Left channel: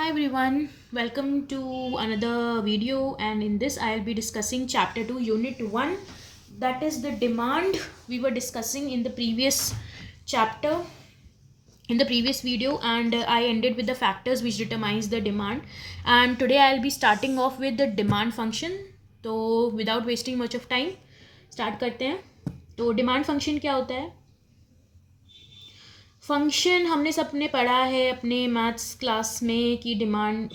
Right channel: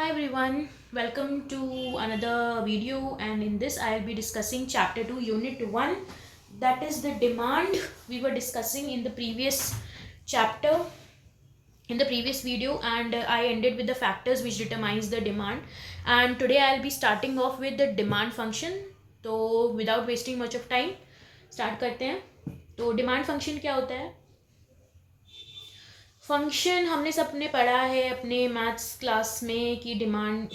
Hi everyone, welcome to another video, and in this I'll be discussing chapter 2 unit 1, that is the demand. We were discussing in the previous chapter, in the previous video, and I ended with the factors which determines the demand, and today I'll be starting off with the demand function. तो without wasting much of time start करते हैं. तो demand function क्या होता है? Function हमने सबने पढ़ा है अपने मैथ्स क्लास में कि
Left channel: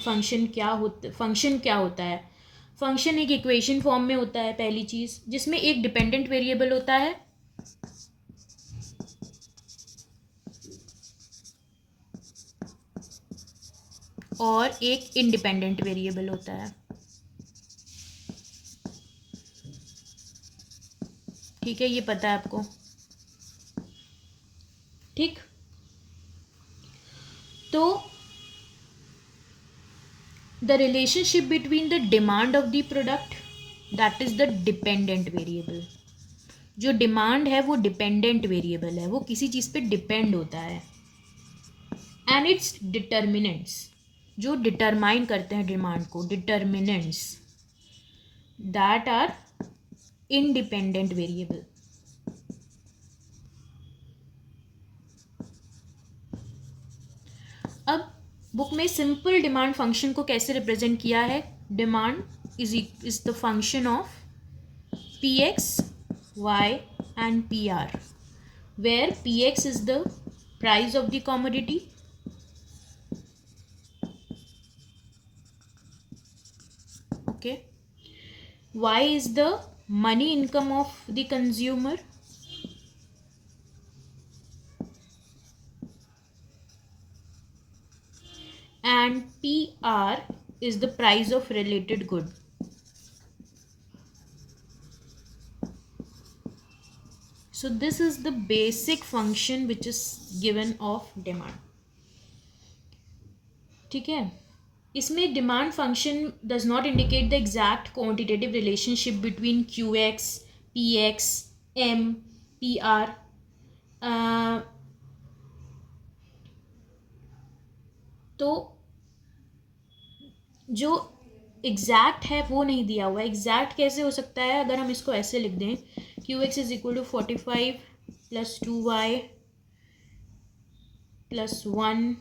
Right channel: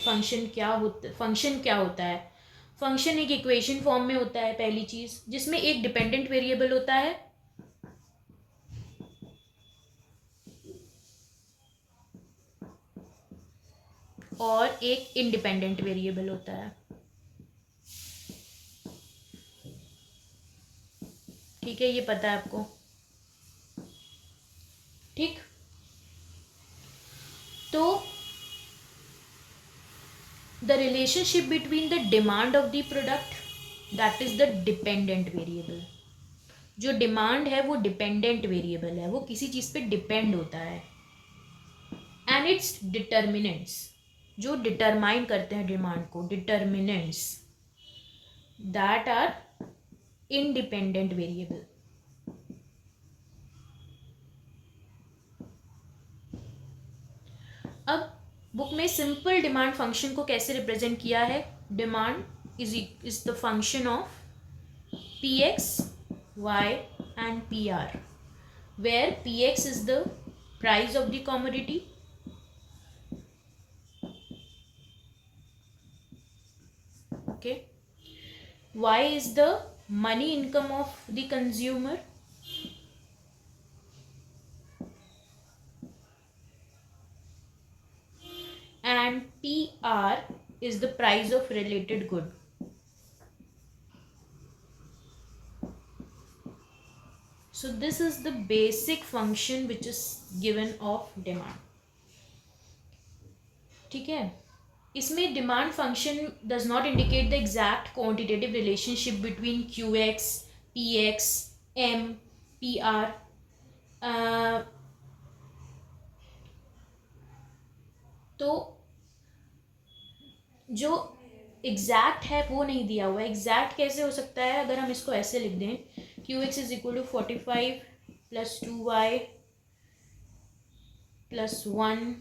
फंक्शन क्या होता है. फंक्शन एक इक्वेशन फॉर्म में होता है, पहली चीज़, जिसमें एक डिपेंडेंट वेरिएबल होता है और एक इंडिपेंडेंट वेरिएबल होता है. ठीक है, ये पता है आपको. ठीक, तो the relationship between the demand of the product, that is the dependent variable. जो डिमांड है वो डिपेंडेंट वेरिएबल है, वो किसी चीज़ पे डिपेंड होता है. एंड इट्स डिटर्मिनेंट्स, जो डिटरमाइन करते हैं डिमांड को, determinants that are independent variable. अब बुक में सिंपल डिमांड फंक्शन को कैसे रिप्रेजेंट किया है? Demand is the function of P X, Y and P R, where P X is the price of the commodity, okay, y is the money income of the consumer, and pr is the price of related good. So this is the basic function which is given of demand. ठीक है, इसमें demand function does not indicate the exact quantitative relationship between Q X, P X, M, P R. तो जो exact है वो नहीं दिया हुआ है. एग्जैक्ट कैसे हो सकता है? अगर हम इसको ऐसे लिख दें, Q X is equal to 45 plus 2y plus 1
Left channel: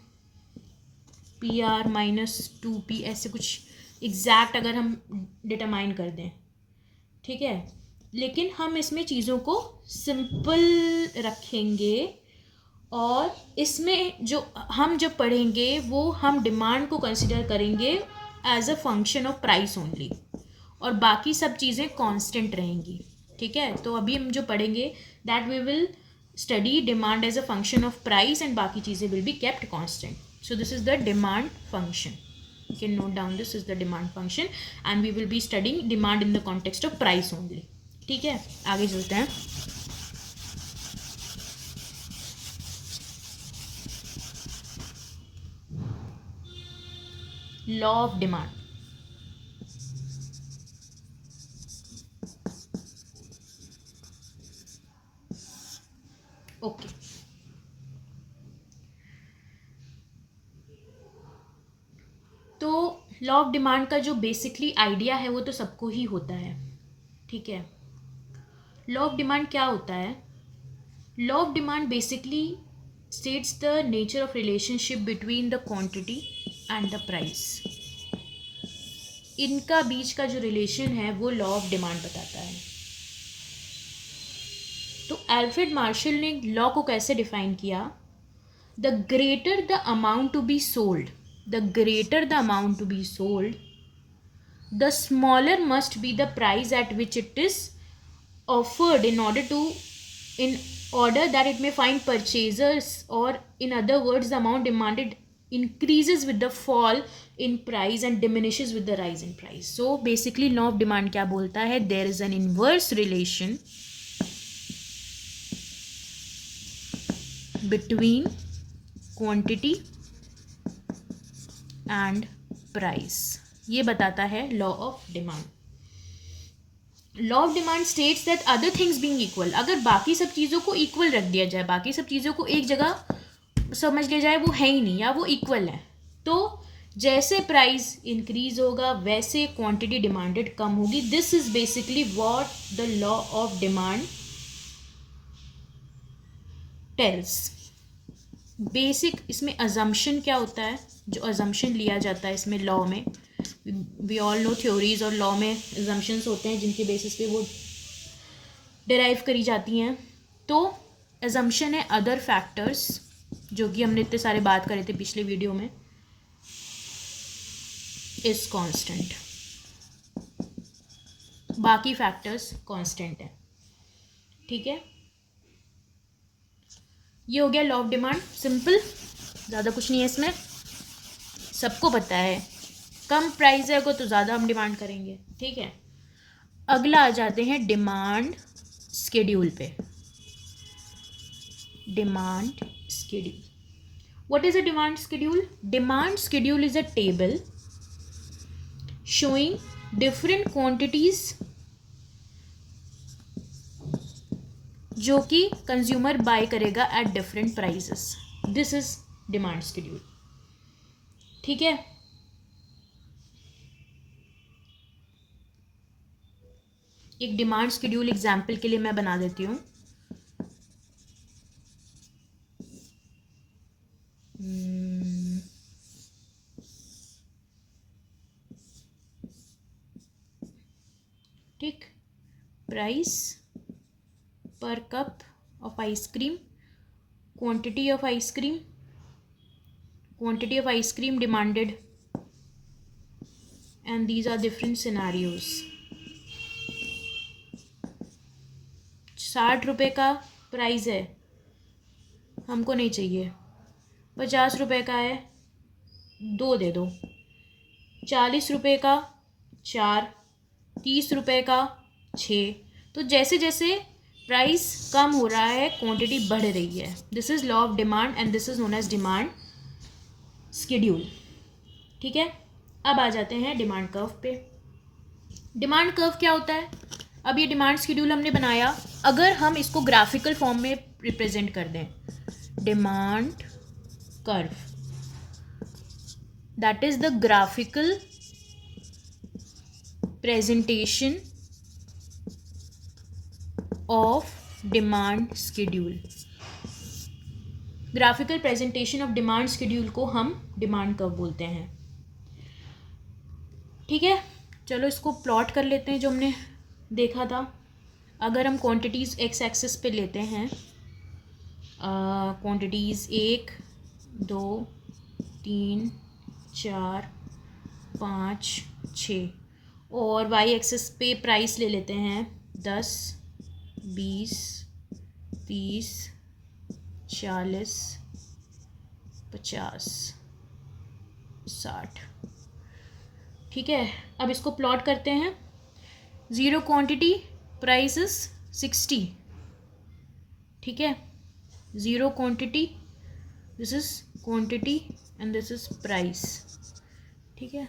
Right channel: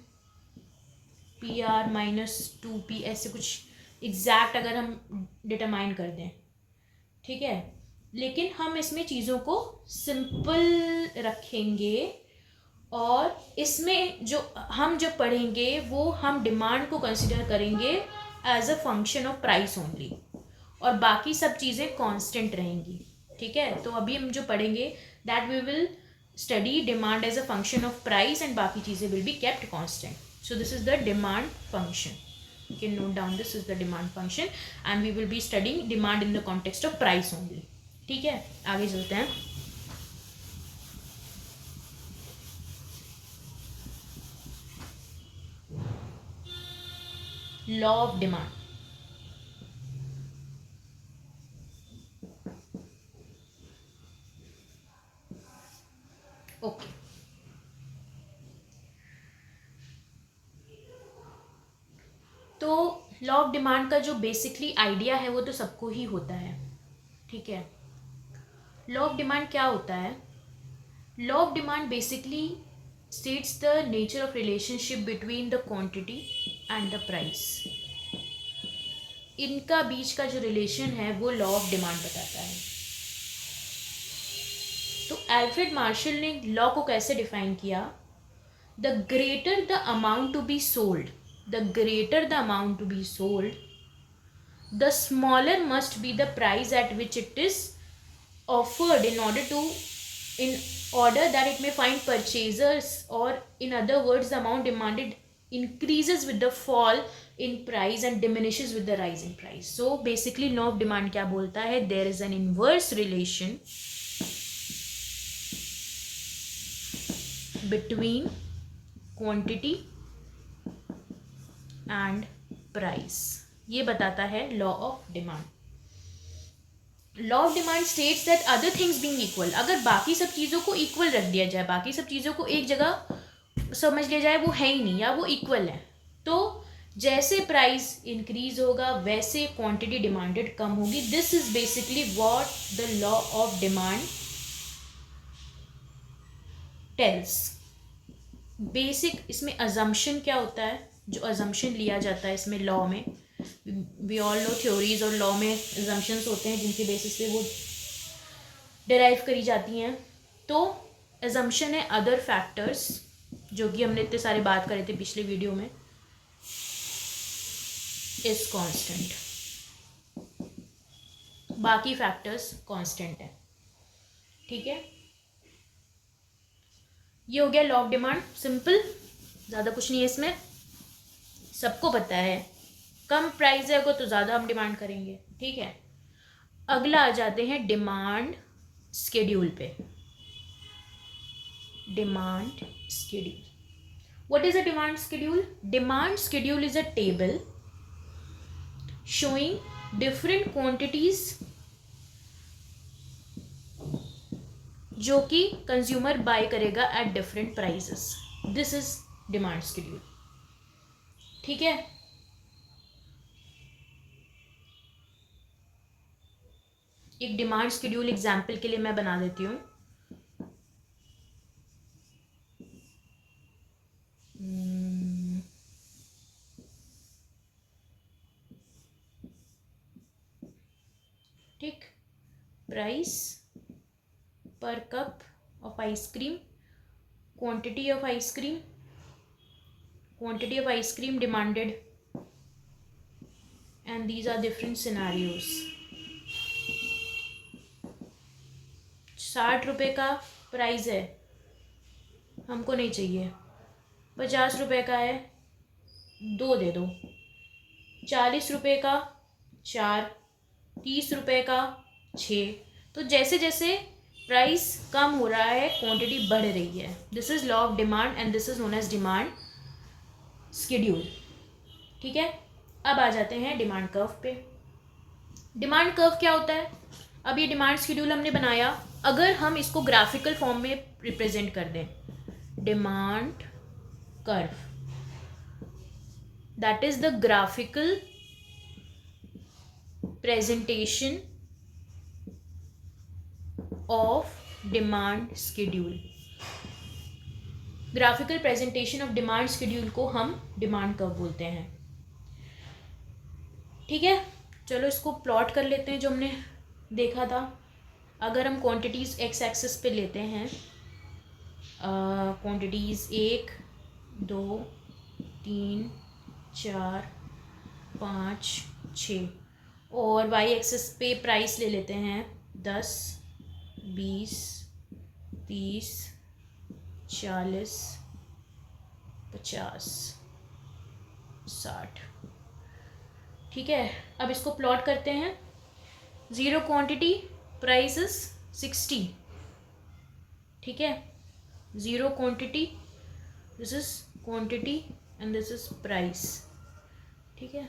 P R minus 2p, ऐसे कुछ एग्जैक्ट अगर हम डिटरमाइन कर दें, ठीक है. लेकिन हम इसमें चीज़ों को सिंपल रखेंगे और इसमें जो हम जब पढ़ेंगे वो हम डिमांड को कंसिडर करेंगे as a function of price only, और बाकी सब चीज़ें कांस्टेंट रहेंगी. ठीक है, तो अभी हम जो पढ़ेंगे that we will study demand as a function of price and बाकी चीज़ें will be kept constant. So this is the demand function. You can note down this is the demand function and we will be studying demand in the context of price only. ठीक है, आगे चलते हैं. Law of demand. Okay, तो law of demand का जो basically idea है वो तो सबको ही होता है. ठीक है, लॉ ऑफ डिमांड क्या होता है? Law of demand basically states the nature of relationship between the quantity and the price. इनका बीच का जो रिलेशन है वो लॉ ऑफ डिमांड बताता है. तो अल्फ्रेड मार्शल ने लॉ को कैसे डिफाइन किया? The greater the amount to be sold, the greater the amount to be sold, the smaller must be the price at which it is offered in order that it may find purchasers, or in other words the amount demanded increases with the fall in price and diminishes with the rise in price. So basically law of demand क्या बोलता है? There is an inverse relation between quantity and price. ये बताता है law of demand. Law of demand states that other things being equal, अगर बाकी सब चीज़ों को इक्वल रख दिया जाए, बाकी सब चीज़ों को एक जगह समझ लिया जाए वो है ही नहीं या वो इक्वल है, तो जैसे प्राइस इंक्रीज होगा वैसे क्वांटिटी डिमांडेड कम होगी. This is basically what the law of demand tells. Basic इसमें अजम्पशन क्या होता है, जो अजम्पशन लिया जाता है इसमें लॉ में, वी ऑल नो थ्योरीज और लॉ में अजम्पशंस होते हैं जिनके बेसिस पे वो डिराइव करी जाती हैं. तो अजम्पशन है अदर फैक्टर्स, जो कि हमने इतने सारे बात करे थे पिछले वीडियो में, इज कांस्टेंट. बाकी फैक्टर्स कांस्टेंट है. ठीक है, ये हो गया लॉ ऑफ डिमांड. सिंपल, ज़्यादा कुछ नहीं है इसमें, सबको पता है. कम प्राइस है तो ज़्यादा हम डिमांड करेंगे. ठीक है, अगला आ जाते हैं डिमांड स्केड्यूल पे. Demand schedule. What is a demand schedule? Demand schedule is a table showing different quantities जो कि कंज्यूमर बाय करेगा at different prices. This is demand schedule. ठीक है, एक डिमांड स्केड्यूल एग्जाम्पल के लिए मैं बना देती हूँ. ठीक, प्राइस पर cup of ice cream, quantity of ice cream, quantity of ice cream demanded, and these are different scenarios. 60 रुपये का प्राइस है, हमको नहीं चाहिए. 50 रुपये का है, 2 दे दो. 40 रुपये का 4, 30 रुपये का 6. तो जैसे जैसे प्राइस कम हो रहा है क्वांटिटी बढ़ रही है. This is law of demand and this is known as demand schedule. ठीक है, अब आ जाते हैं डिमांड कर्व पे. डिमांड कर्व क्या होता है? अब ये डिमांड स्केड्यूल हमने बनाया, अगर हम इसको ग्राफिकल फॉर्म में रिप्रेजेंट कर दें, demand curve, that is the graphical presentation of demand schedule. Graphical presentation of demand schedule को हम डिमांड कर्व बोलते हैं. ठीक है, चलो इसको प्लॉट कर लेते हैं जो हमने देखा था. अगर हम क्वांटिटीज़ एक्स एक्सिस पे लेते हैं, क्वांटिटीज़ 1, 2, 3, 4, 5, 6, और वाई एक्सिस पे प्राइस ले लेते हैं 10, 20, 30, 40, 50, 60. ठीक है, अब इसको प्लॉट करते हैं. 0 क्वांटिटी, प्राइस इज 60. ठीक है, 0 quantity, this is quantity and this is price. ठीक है,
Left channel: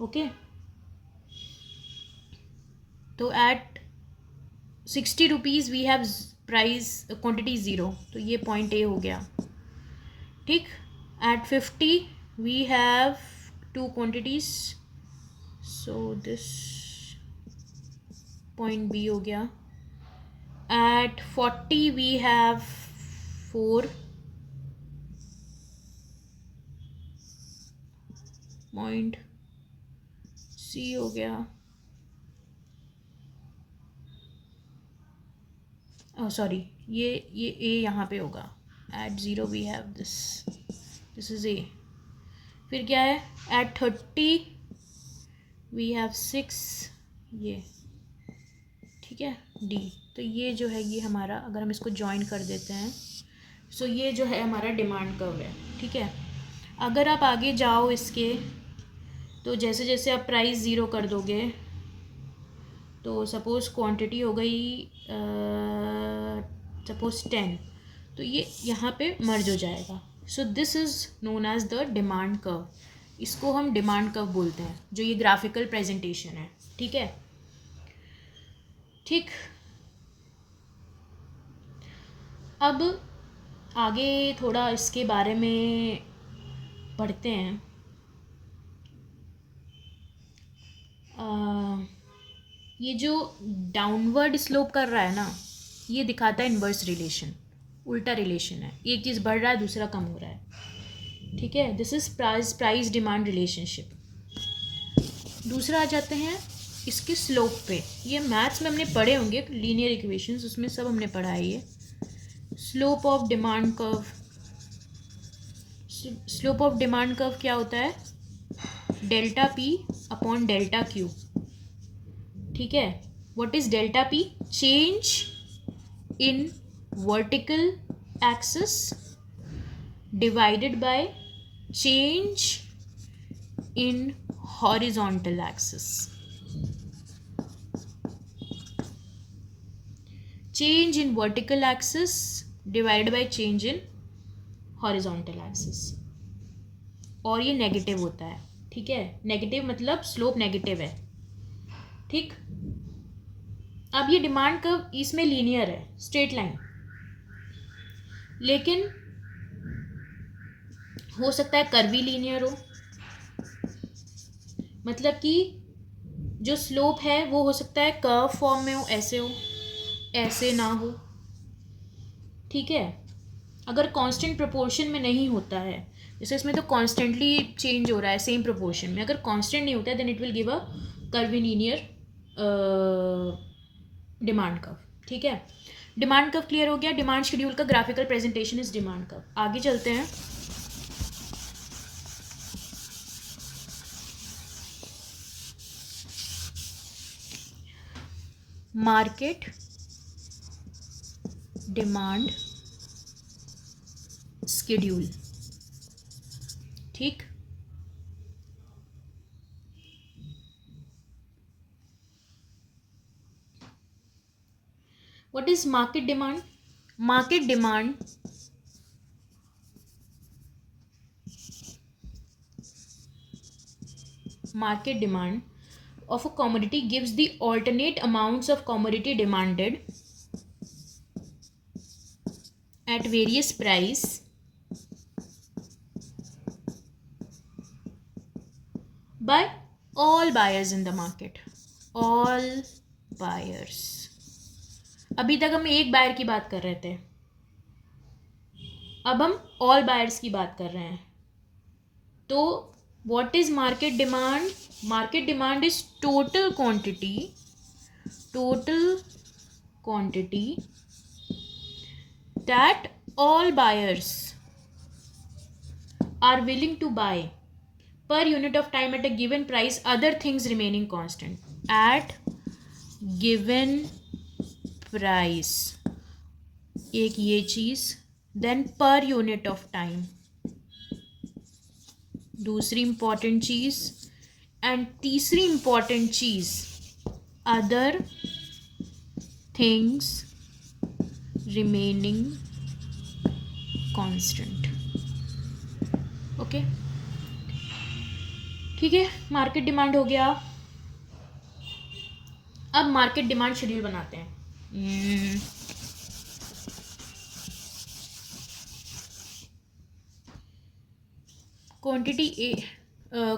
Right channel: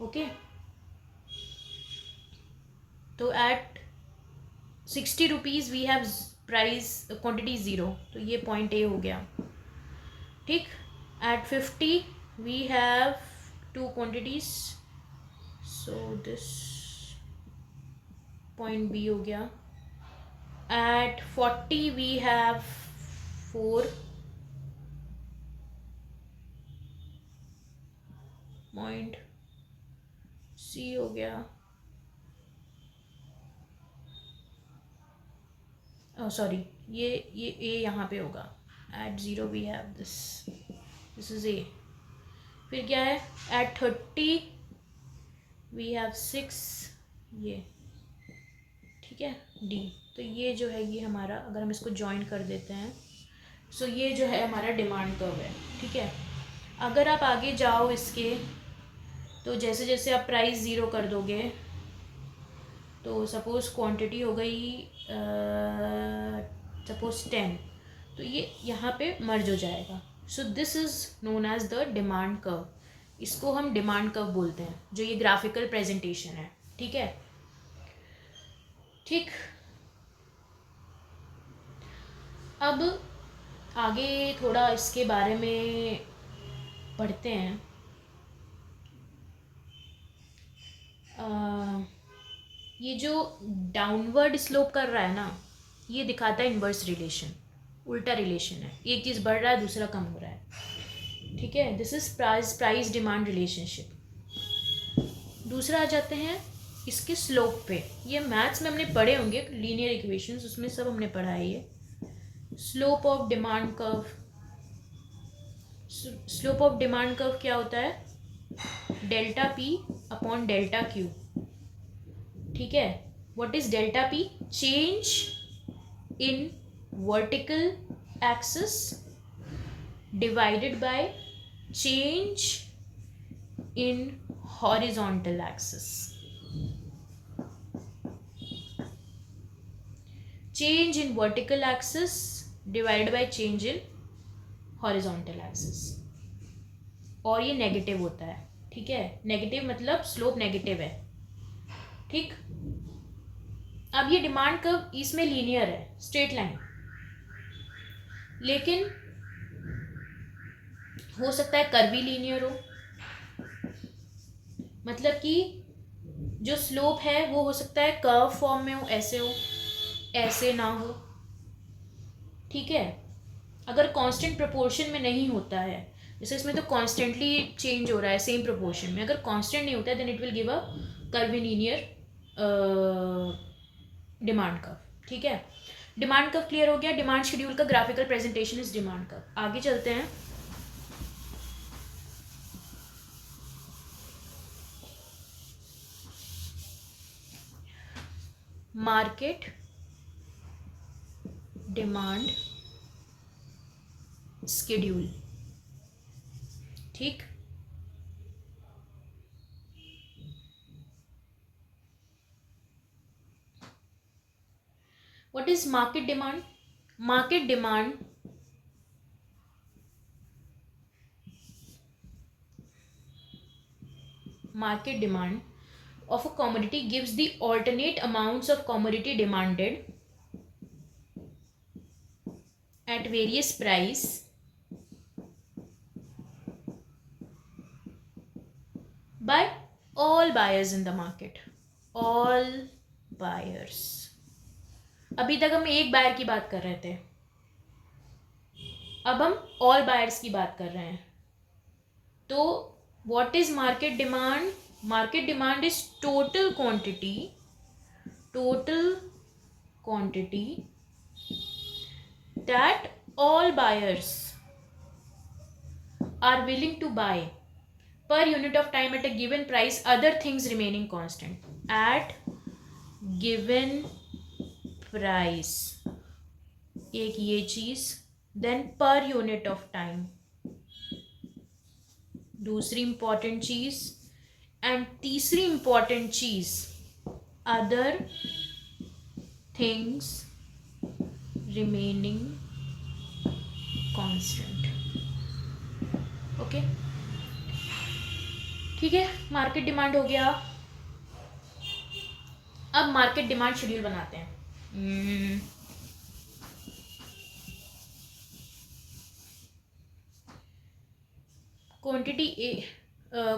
ओके. तो at 60 rupees we have price quantity 0, तो ये पॉइंट ए हो गया. ठीक, at 50 we have 2 quantities, so this point B हो गया. at 40 we have 4 point C हो गया. सॉरी, ये A यहाँ पे होगा. at 0 we have this is A. फिर क्या है, at 30 we have 6, ये. ठीक है, D. तो ये जो है ये हमारा, अगर हम इसको ज्वाइन कर देते हैं, सो ये जो है हमारा डिमांड कर्व है. ठीक है, अगर आप आगे जाओ इसके, तो जैसे जैसे आप प्राइस 0 कर दोगे, तो सपोज़ क्वांटिटी हो गई सपोज़ 10, तो ये यहाँ पे मर्ज हो जाएगा. So this is known as the demand curve. इसको हम डिमांड कर्व बोलते हैं, जो ये ग्राफिकल प्रेजेंटेशन है. ठीक है, ठीक. अब आगे थोड़ा इसके बारे में पढ़ते हैं। ये जो डाउनवर्ड स्लोप कर रहा है ना, ये दिखाता है इन्वर्स रिलेशन, उल्टा रिलेशन है, एक चीज़ बढ़ रहा है दूसरा कम हो रहा है, ठीक है। This is price demand relationship. दूसरा आ जाते हैं इसके स्लोप पे। ये मैथ्स में हमने पढ़े होंगे, लीनियर इक्वेशंस, उसमें सब हमने पढ़ा है ये। Slope of demand curve. Slope of demand curve क्या होता है? Delta P upon delta Q, ठीक है। What is delta P? Change in vertical axis divided by change in horizontal axis. Change in vertical axis divided by change in horizontal axis, और ये negative होता है, ठीक है। नेगेटिव मतलब slope negative है, ठीक। अब ये डिमांड कर्व इसमें लीनियर है, स्ट्रेट लाइन, लेकिन हो सकता है कर्वी लीनियर हो, मतलब कि जो स्लोप है वो हो सकता है कर्व फॉर्म में हो, ऐसे ना हो, ठीक है। अगर कांस्टेंट प्रोपोर्शन में नहीं होता है, जैसे इसमें तो कॉन्स्टेंटली चेंज हो रहा है सेम प्रोपोर्शन में, अगर कांस्टेंट नहीं होता है then it will give a curvilinear demand curve, ठीक है। डिमांड कर्व क्लियर हो गया। डिमांड शेड्यूल का graphical presentation is demand curve. आगे चलते हैं। मार्केट डिमांड शेड्यूल, ठीक। What is market demand? Market demand of a commodity gives the alternate amounts of commodity demanded at various price by all buyers in the market. All buyers. अभी तक हम एक buyer की बात कर रहे थे, अब हम ऑल बायर्स की बात कर रहे हैं। तो what is market demand? Market demand is total quantity that all buyers are willing to buy per unit of time at a given price, other things remaining constant, at given price, एक ये चीज, then per unit of time दूसरी important चीज, and तीसरी important चीज other things remaining constant, okay, ठीक है। Market demand हो गया। अब मार्केट डिमांड शेड्यूल बनाते हैं। Quantity A,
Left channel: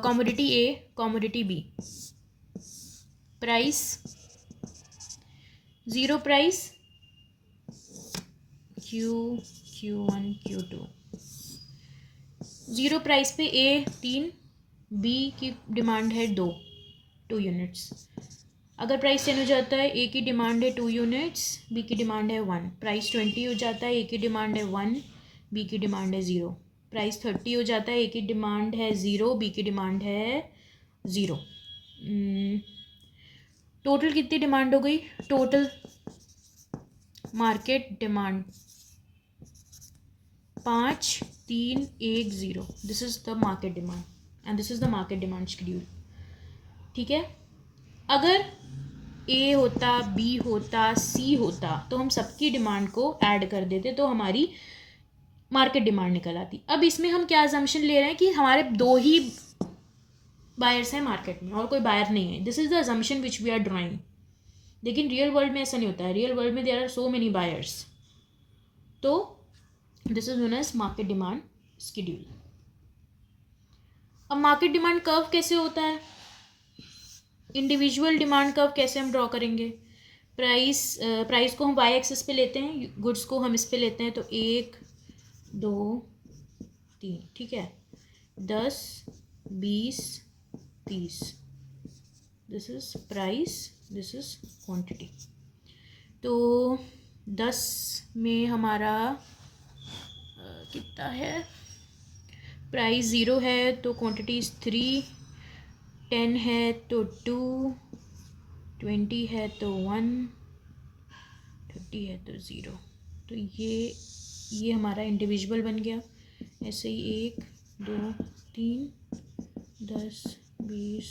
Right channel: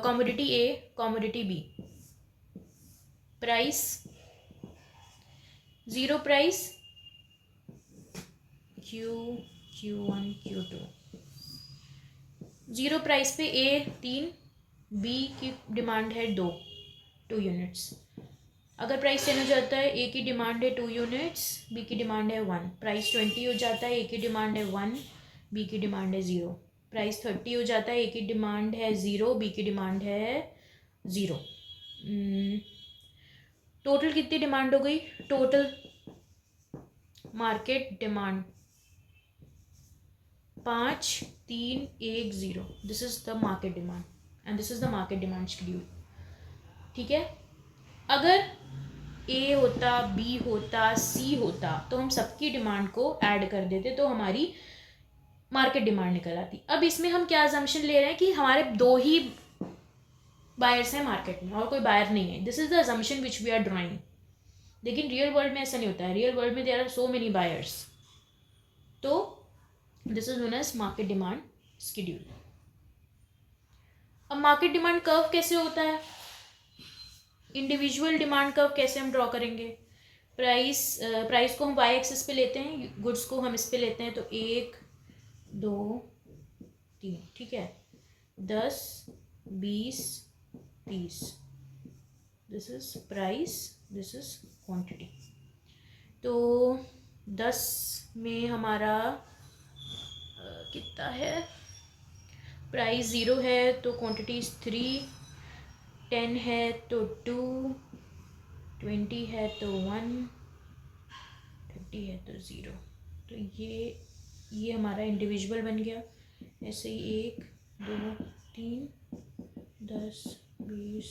commodity A, commodity B, price zero, price Q1 Q2, zero price पे ए 3, बी की डिमांड है 2 यूनिट्स। अगर प्राइस 10 हो जाता है, ए की डिमांड है 2 यूनिट्स, बी की डिमांड है 1। प्राइस 20 हो जाता है, ए की डिमांड है 1, बी की डिमांड है 0। प्राइस 30 हो जाता है, ए की डिमांड है 0, बी की डिमांड है 0। टोटल कितनी डिमांड हो गई? Total market demand 5, 3, 1, 0। This is the market demand and this is the market demand schedule, ठीक है। अगर ए होता, बी होता, सी होता, तो हम सबकी डिमांड को ऐड कर देते तो हमारी मार्केट डिमांड निकल आती। अब इसमें हम क्या अजम्पशन ले रहे हैं कि हमारे 2 ही बायर्स हैं मार्केट में और कोई बायर नहीं है। This is the assumption which we are drawing. लेकिन रियल वर्ल्ड में ऐसा नहीं होता है। रियल वर्ल्ड में there are so many buyers. तो this is known as market demand schedule. अब मार्केट डिमांड कर्व कैसे होता है, इंडिविजुअल डिमांड कर्व कैसे हम ड्रॉ करेंगे. प्राइस को हम वाई एक्सिस पे लेते हैं, गुड्स को हम इस पे लेते हैं. तो 1 2 3, ठीक है, 10 20 30. This is price, this is quantity. तो 10 में हमारा कितना है, प्राइस 0 है तो क्वांटिटी 3, 10 है तो 2, 20 है तो 1, 30 है तो 0. तो ये हमारा इंडिविजुअल बन गया. ऐसे ही 1 2 3 10 20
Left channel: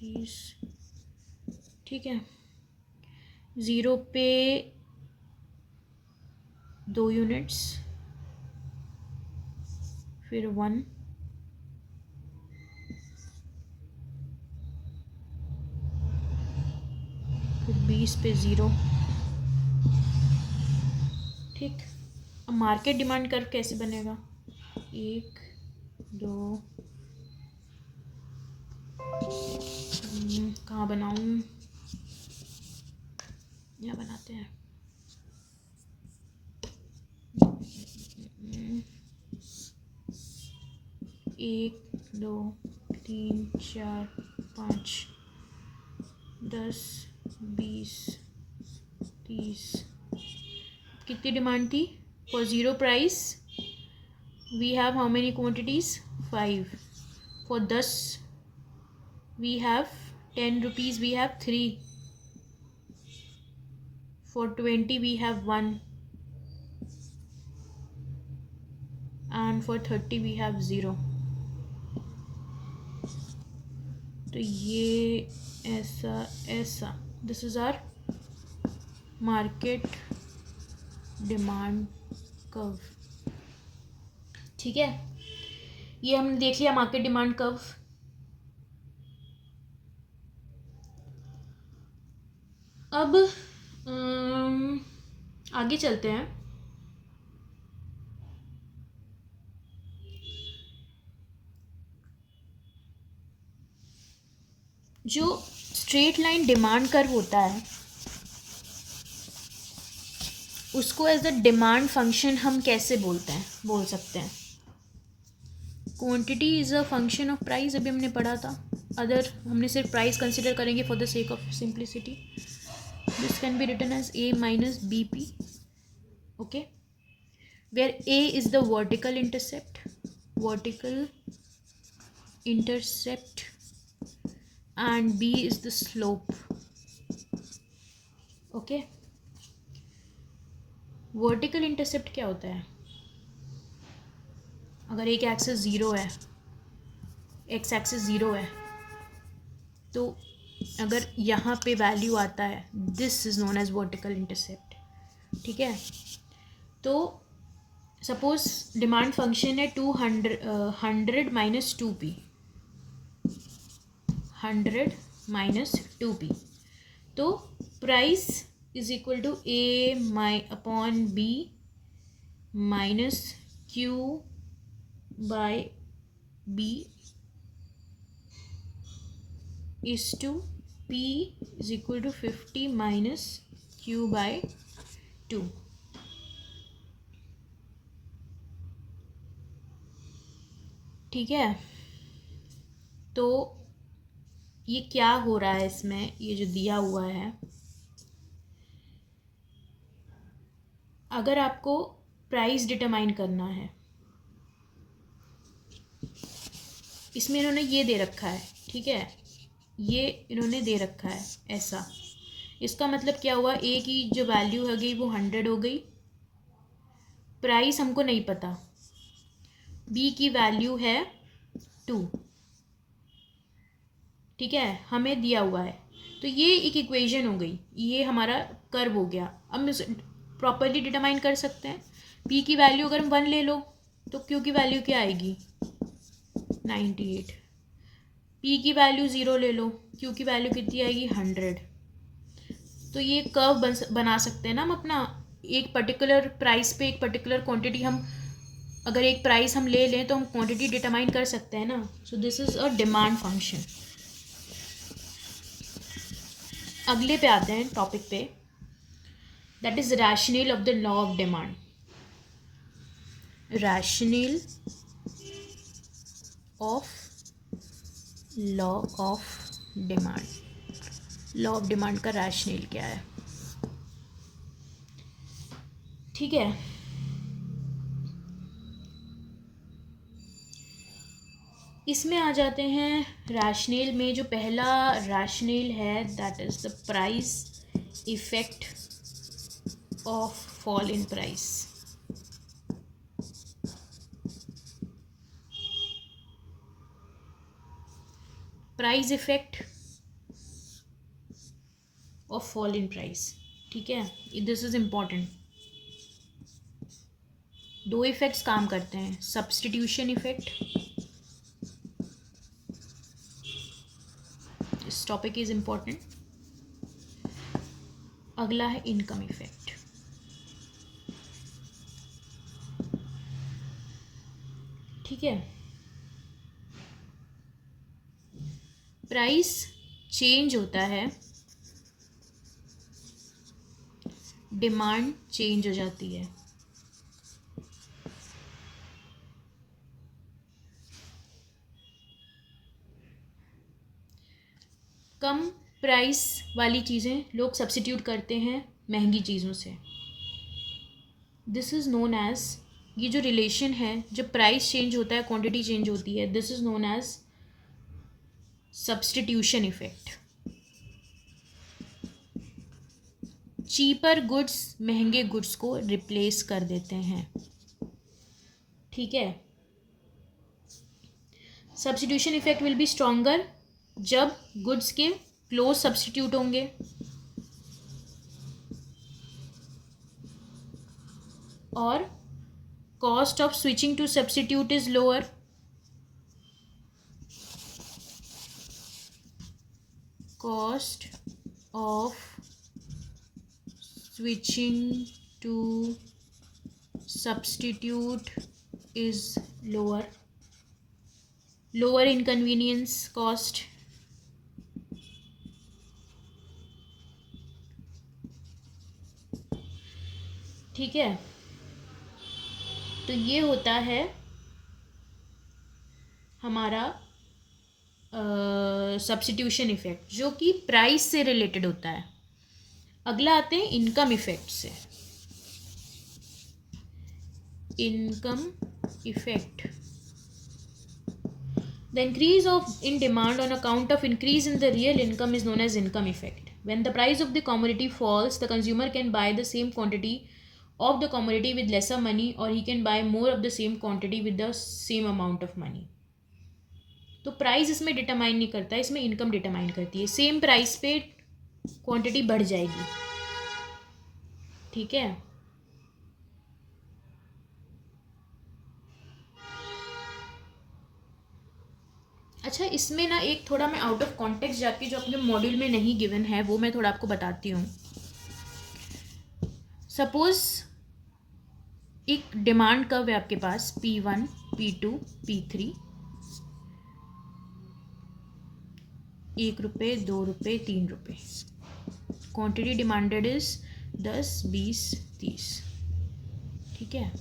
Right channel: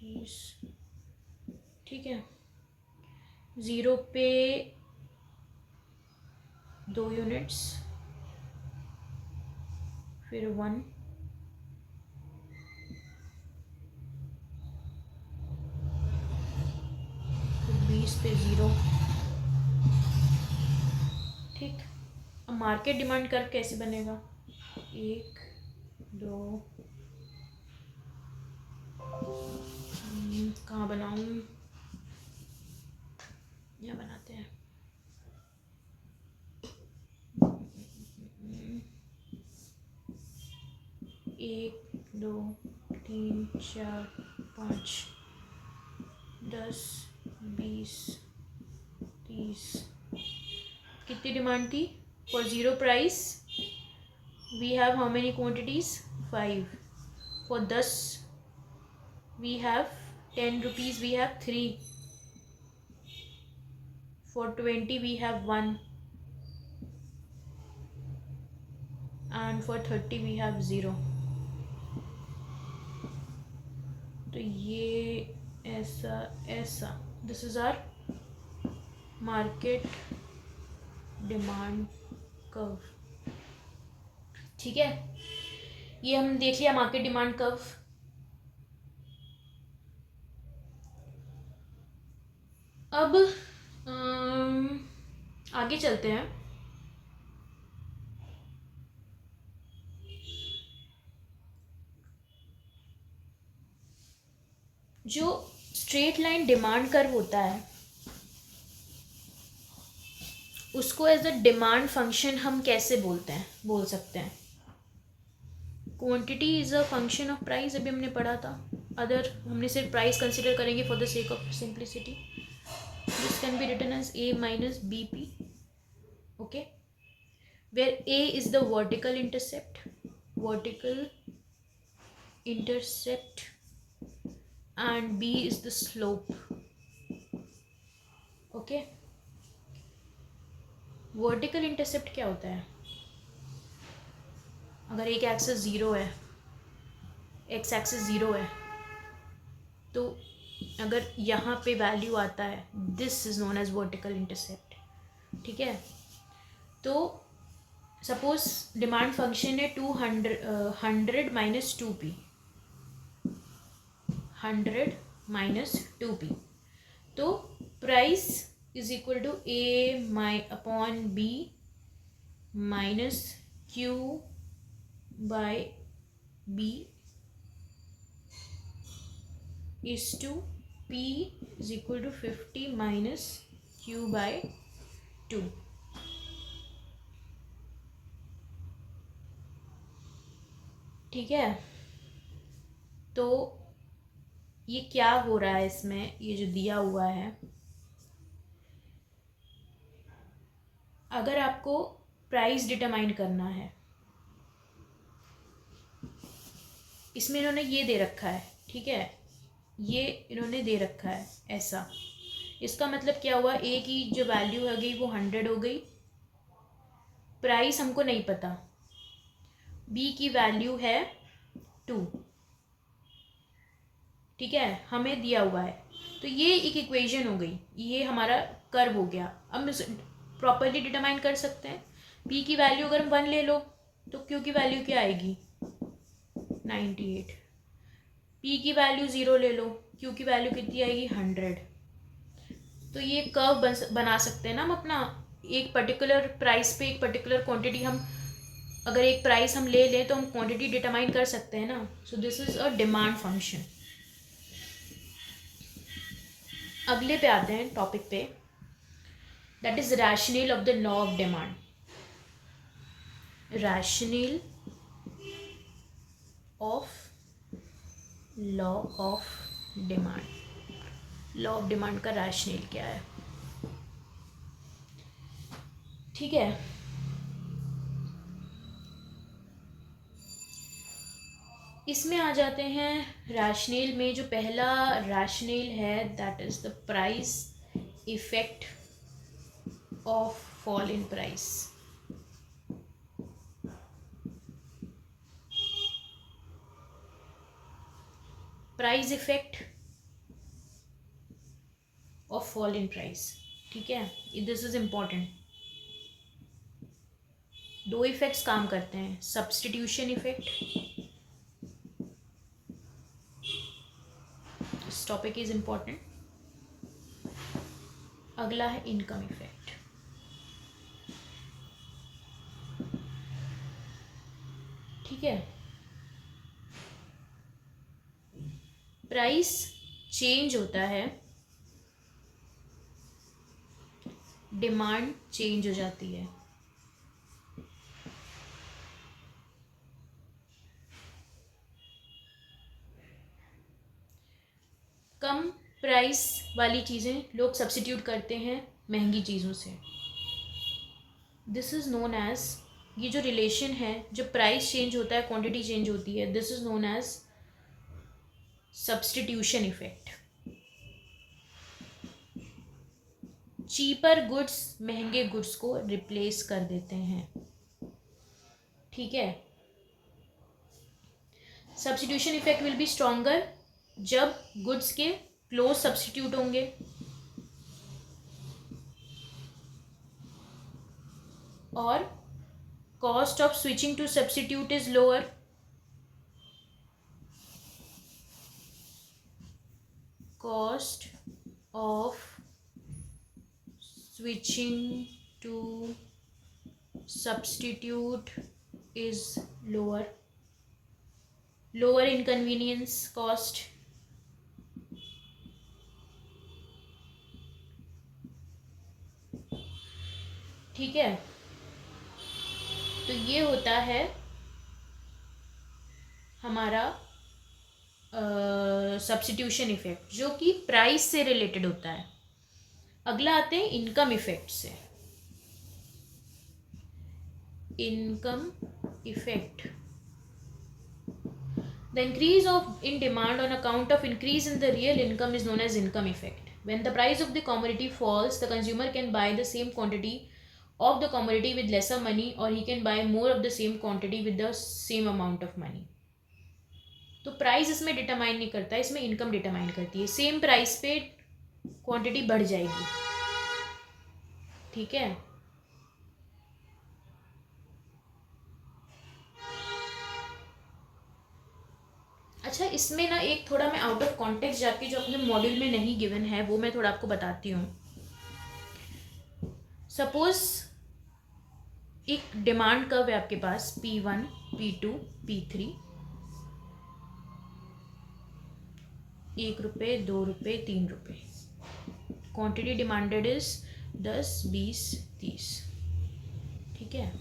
30, ठीक है. 0 पे 2 यूनिट्स, फिर 1, फिर 20 पे 0, ठीक. अब मार्केट डिमांड कर्व कैसे बनेगा, 1 2, कहाँ बनाऊँ, यहाँ बनाते हैं. 1 2 3 4 5 10 20 30. कितनी डिमांड थी for 0 price, we have how many quantities, 5. For 10 we have 10 rupees, we have 3. For 20 we have 1, and for 30 we have 0. तो ये ऐसा this is our market demand curve, ठीक है. ये हम देख लिया मार्केट डिमांड कर्व. अब आगे चलते हैं. जो स्ट्रेट लाइन डिमांड कर्व होता है उसको एज अ डिमांड फंक्शन हम कैसे बोल सकते हैं. Quantity is a function of price, अभी हमने पढ़ा था. अदर हमने सिर्फ प्राइस कंसिडर करेंगे for the sake of simplicity. This can be written as a minus bp, okay, where a is the vertical intercept and b is the slope, okay. Vertical intercept क्या होता है, अगर एक axis 0 है, x axis 0 है, तो अगर यहाँ पे वैल्यू आता है, this is known as vertical intercept, ठीक है. तो सपोज डिमांड फंक्शन है 100 minus 2p, 100 minus 2p. तो price is equal to a upon b minus q by b is to p is equal to 50 minus q by 2. ठीक है. तो ये क्या हो रहा है इसमें, ये जो दिया हुआ है, अगर आपको प्राइस डिटरमाइन करना है, इसमें इन्होंने ये दे रखा है, ठीक है, ये इन्होंने दे रखा है ऐसा. इसका मतलब क्या हुआ, ए की जो वैल्यू हो गई वो 100 हो गई. प्राइस हमको नहीं पता, बी की वैल्यू है 2, ठीक है, हमें दिया हुआ है. तो ये एक इक्वेशन हो गई, ये हमारा कर्व हो गया. अब हम प्रॉपरली डिटरमाइन कर सकते हैं. पी की वैल्यू अगर हम 1 ले लो तो क्यू की वैल्यू क्या आएगी, 98. पी की वैल्यू 0 ले लो, क्यू की वैल्यू कितनी आएगी, 100. तो ये कर्व बना सकते हैं ना हम अपना. एक पर्टिकुलर प्राइस पे एक पर्टिकुलर क्वांटिटी हम अगर एक प्राइस हम ले लें तो हम क्वांटिटी डिटरमाइन कर सकते हैं ना. सो this is a demand function. अगले पे आते हैं टॉपिक पे, that is rational of the law of demand. Rational of law of demand. Law of demand का रैशनल क्या है? ठीक है, इसमें आ जाते हैं. रैशनल में जो पहला रैशनल है that is the price effect of fall in price. Price effect of fall in price. ठीक है, दिस इज इम्पॉर्टेंट. दो इफेक्ट्स काम करते हैं, substitution effect. This topic is important. अगला है इनकम इफेक्ट. ठीक है, प्राइस चेंज होता है, डिमांड चेंज हो जाती है. कम प्राइस वाली चीज़ें लोग सब्स्टिट्यूट करते हैं महंगी चीज़ों से. दिस इज़ नोन एज, ये जो रिलेशन है, जब प्राइस चेंज होता है क्वांटिटी चेंज होती है, this is known as substitution effect. Cheaper goods महंगे गुड्स को रिप्लेस कर देते हैं. ठीक है, substitution effect will be stronger जब गुड्स के क्लोज सब्स्टिट्यूट होंगे. और cost of switching to substitute is lower. Cost of switching to substitute is lower. Lower inconvenience cost. ठीक है, तो ये होता है हमारा सब्स्टिट्यूशन इफेक्ट जो कि प्राइस से रिलेटेड होता है. अगला आते हैं इनकम इफेक्ट से. Income effect, the increase of in demand on account of increase in the real income is known as income effect. When the price of the commodity falls, the consumer can buy the same quantity of the commodity with lesser money, or he can buy more of the same quantity with the same amount of money. तो price इसमें determine नहीं करता, इसमें income determine करती है. Same price पे quantity बढ़ जाएगी. ठीक है, अच्छा, इसमें ना एक थोड़ा मैं आउट ऑफ कॉन्टेक्स्ट जाके जो अपने मॉड्यूल में नहीं गिवन है वो मैं थोड़ा आपको बताती हूँ. सपोज एक डिमांड कर्व है आपके पास, P1, P2, P3. 1 रुपये, 2 रुपये, 3 रुपये. Quantity demanded is 10, 20, 30. ठीक है,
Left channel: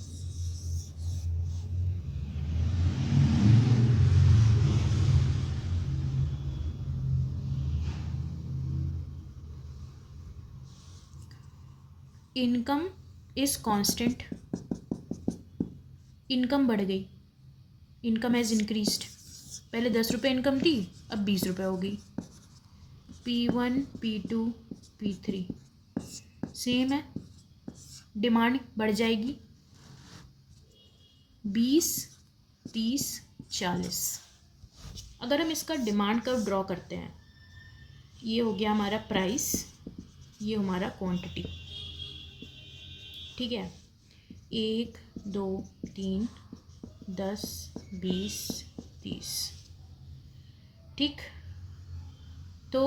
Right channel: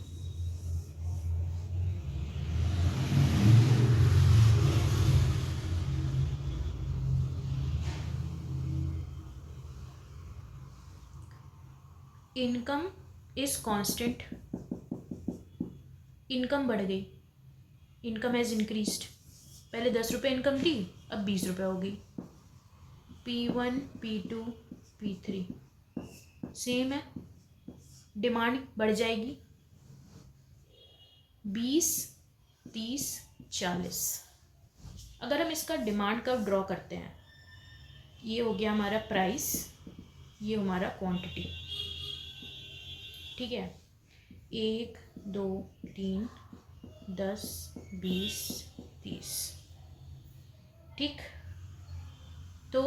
इनकम इज कांस्टेंट. इनकम बढ़ गई, इनकम हैज़ इंक्रीज्ड. पहले 10 रुपये इनकम थी, अब 20 रुपये हो गई. P1, P2, P3 सेम है, डिमांड बढ़ जाएगी. 20, 30, 40. अगर हम इसका डिमांड कर्व ड्रॉ करते हैं, ये हो गया हमारा प्राइस, ये हमारा क्वांटिटी. ठीक है, 1, 2, 3, 10, 20, 30. ठीक, तो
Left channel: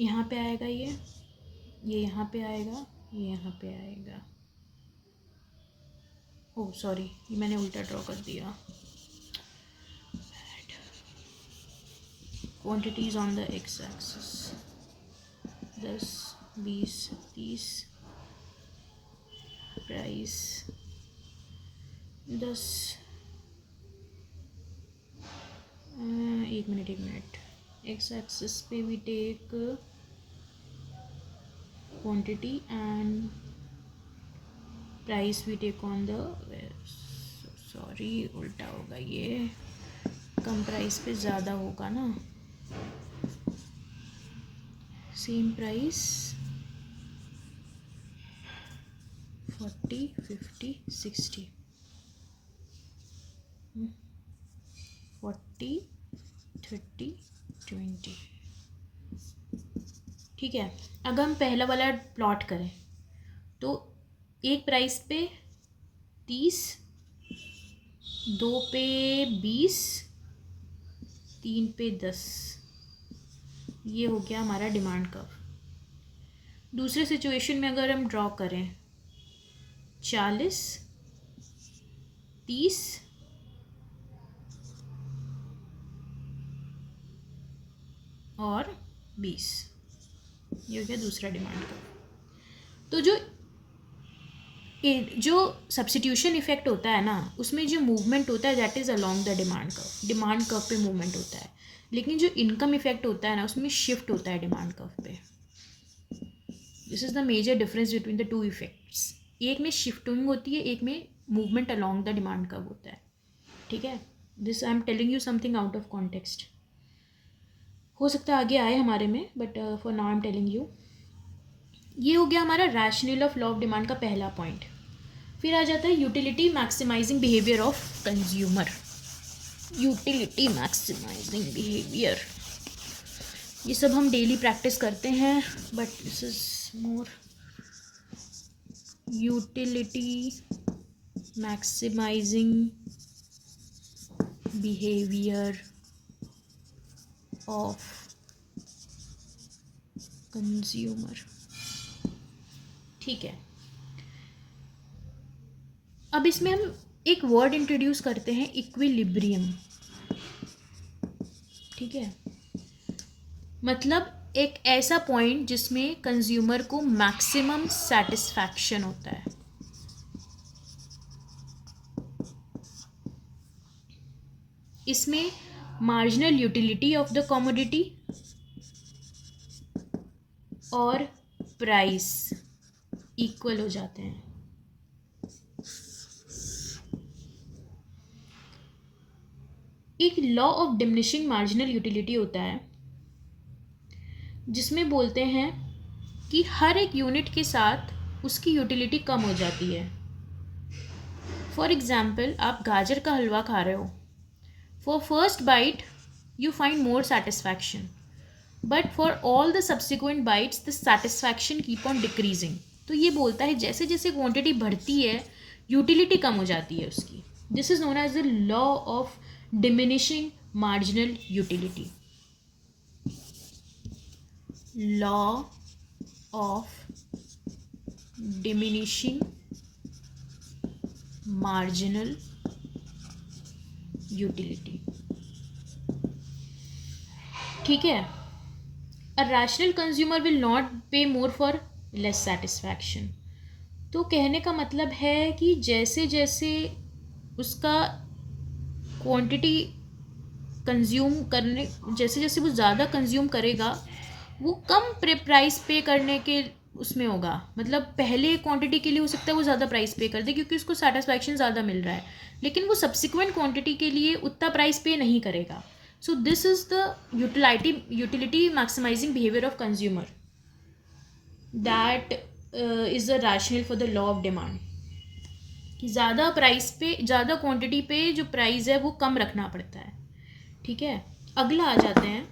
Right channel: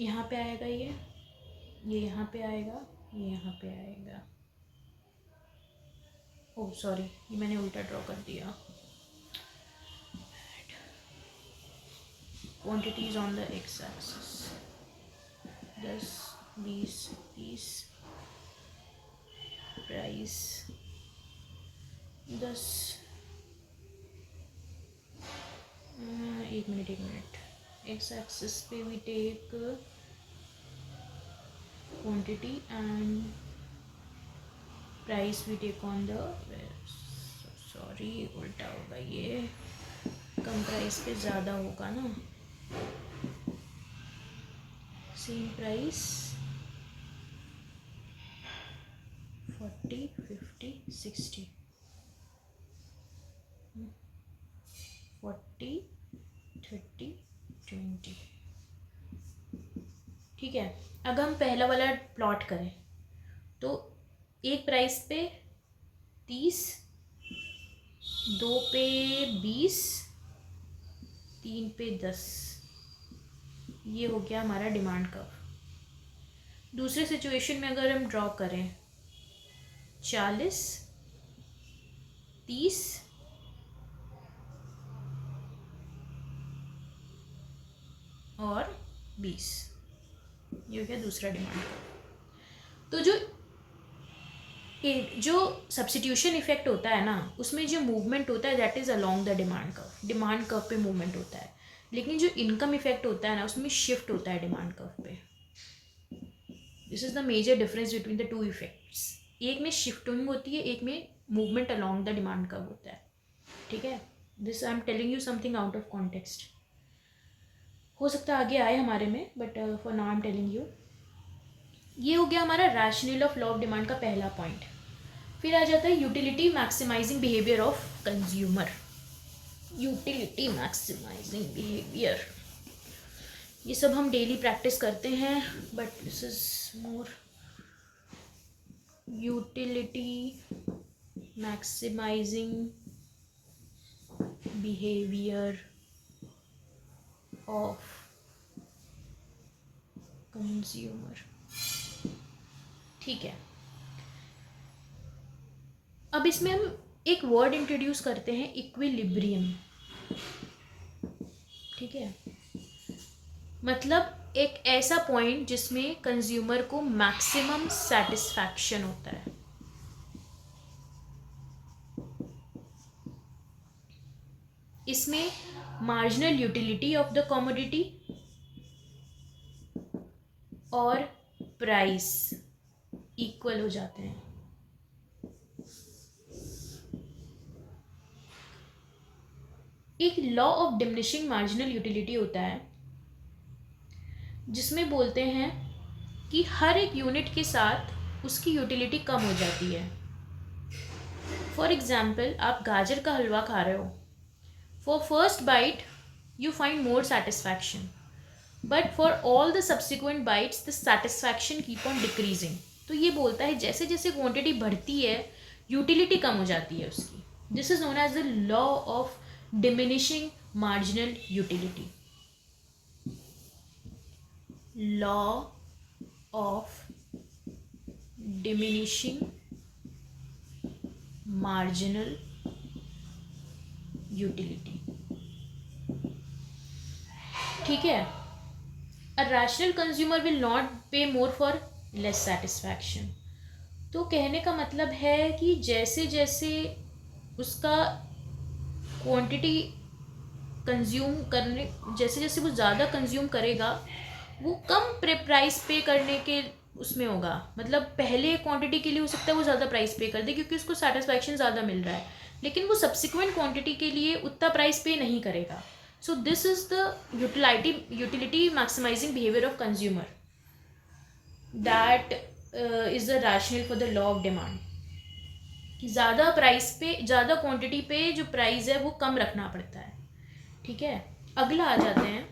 यहाँ पे आएगा, ये यहाँ पे आएगा, ये यहाँ पे आएगा। ओह सॉरी, ये मैंने उल्टा ड्रॉ कर दिया। Quantities on the X axis, 10, 20, 30, price 10, एक मिनट, एक्स एक्सिस पे we take quantity and price we take on the, sorry उल्टा होगा, ये कम प्राइस पे ज़्यादा होगा ना, सेम प्राइस 40, 50, 60, 40, 30, 20। ठीक है, अगर हम पहला वाला प्लॉट करें तो एक प्राइस पे 30, 2 पे 20, 3 पे 10, ये हो गया हमारा डिमांड कर्व। दूसरे सिचुएशन में अगर हम ड्रॉ करें 40, 30, और 20, ये हो गया दूसरा डिमांड कर्व। तो जो सब्स्टिट्यूशन इफेक्ट होता है ना, उसमें जो मूवमेंट होता है that is along the demand curve पे मूवमेंट होता है, लेकिन जो इनकम इफेक्ट होता है ना, उसमें शिफ्ट होता है डिमांड कर्व पे। This is the major difference between the two effects. एक में शिफ्टिंग होती है, एक में movement along the demand curve होता है। ठीक है, this I am telling you something out of context, हो सकता है आगे आए हमारे में, but for now I am telling you. ये हो गया हमारा rational of law of demand का पहला पॉइंट। फिर आ जाता है utility maximising behaviour of consumer. Utility maximising behaviour, ये सब हम डेली प्रैक्टिस करते हैं, but this is more utility maximising behaviour of consumer. ठीक है, अब इसमें हम एक वर्ड इंट्रोड्यूस करते हैं, इक्विलिब्रियम। ठीक है, मतलब एक ऐसा पॉइंट जिसमें कंज्यूमर को मैक्सिमम सेटिस्फैक्शन होता है। इसमें marginal utility of the commodity और प्राइस इक्वल हो जाते हैं। एक law of diminishing marginal utility होता है, जिसमें बोलते हैं कि हर एक यूनिट के साथ उसकी यूटिलिटी कम हो जाती है। फॉर एग्जाम्पल, आप गाजर का हलवा खा रहे हो, for first bite you find more satisfaction, but for all the subsequent bites the satisfaction keep on decreasing. तो ये बोलता है जैसे जैसे क्वांटिटी बढ़ती है यूटिलिटी कम हो जाती है उसकी। This is known as the law of diminishing marginal utility. Law of diminishing marginal utility. ठीक है, a rational consumer will not pay more for less satisfaction. तो कहने का मतलब है कि जैसे जैसे उसका क्वांटिटी कंज्यूम करने, जैसे जैसे वो ज़्यादा कंज्यूम करेगा वो कम प्राइस पे करने के उसमें होगा। मतलब पहले क्वांटिटी के लिए हो सकता है वो ज़्यादा प्राइस पे कर दे क्योंकि उसको सेटिस्फैक्शन ज़्यादा मिल रहा है, लेकिन वो सब्सिक्वेंट क्वांटिटी के लिए उतना प्राइस पे नहीं करेगा। So this is the utility maximising behaviour of consumer, that is the rational for the law of demand. कि ज़्यादा प्राइस पे, ज़्यादा क्वांटिटी पे जो प्राइस है वो कम रखना पड़ता है। ठीक है, अगला आ जाते हैं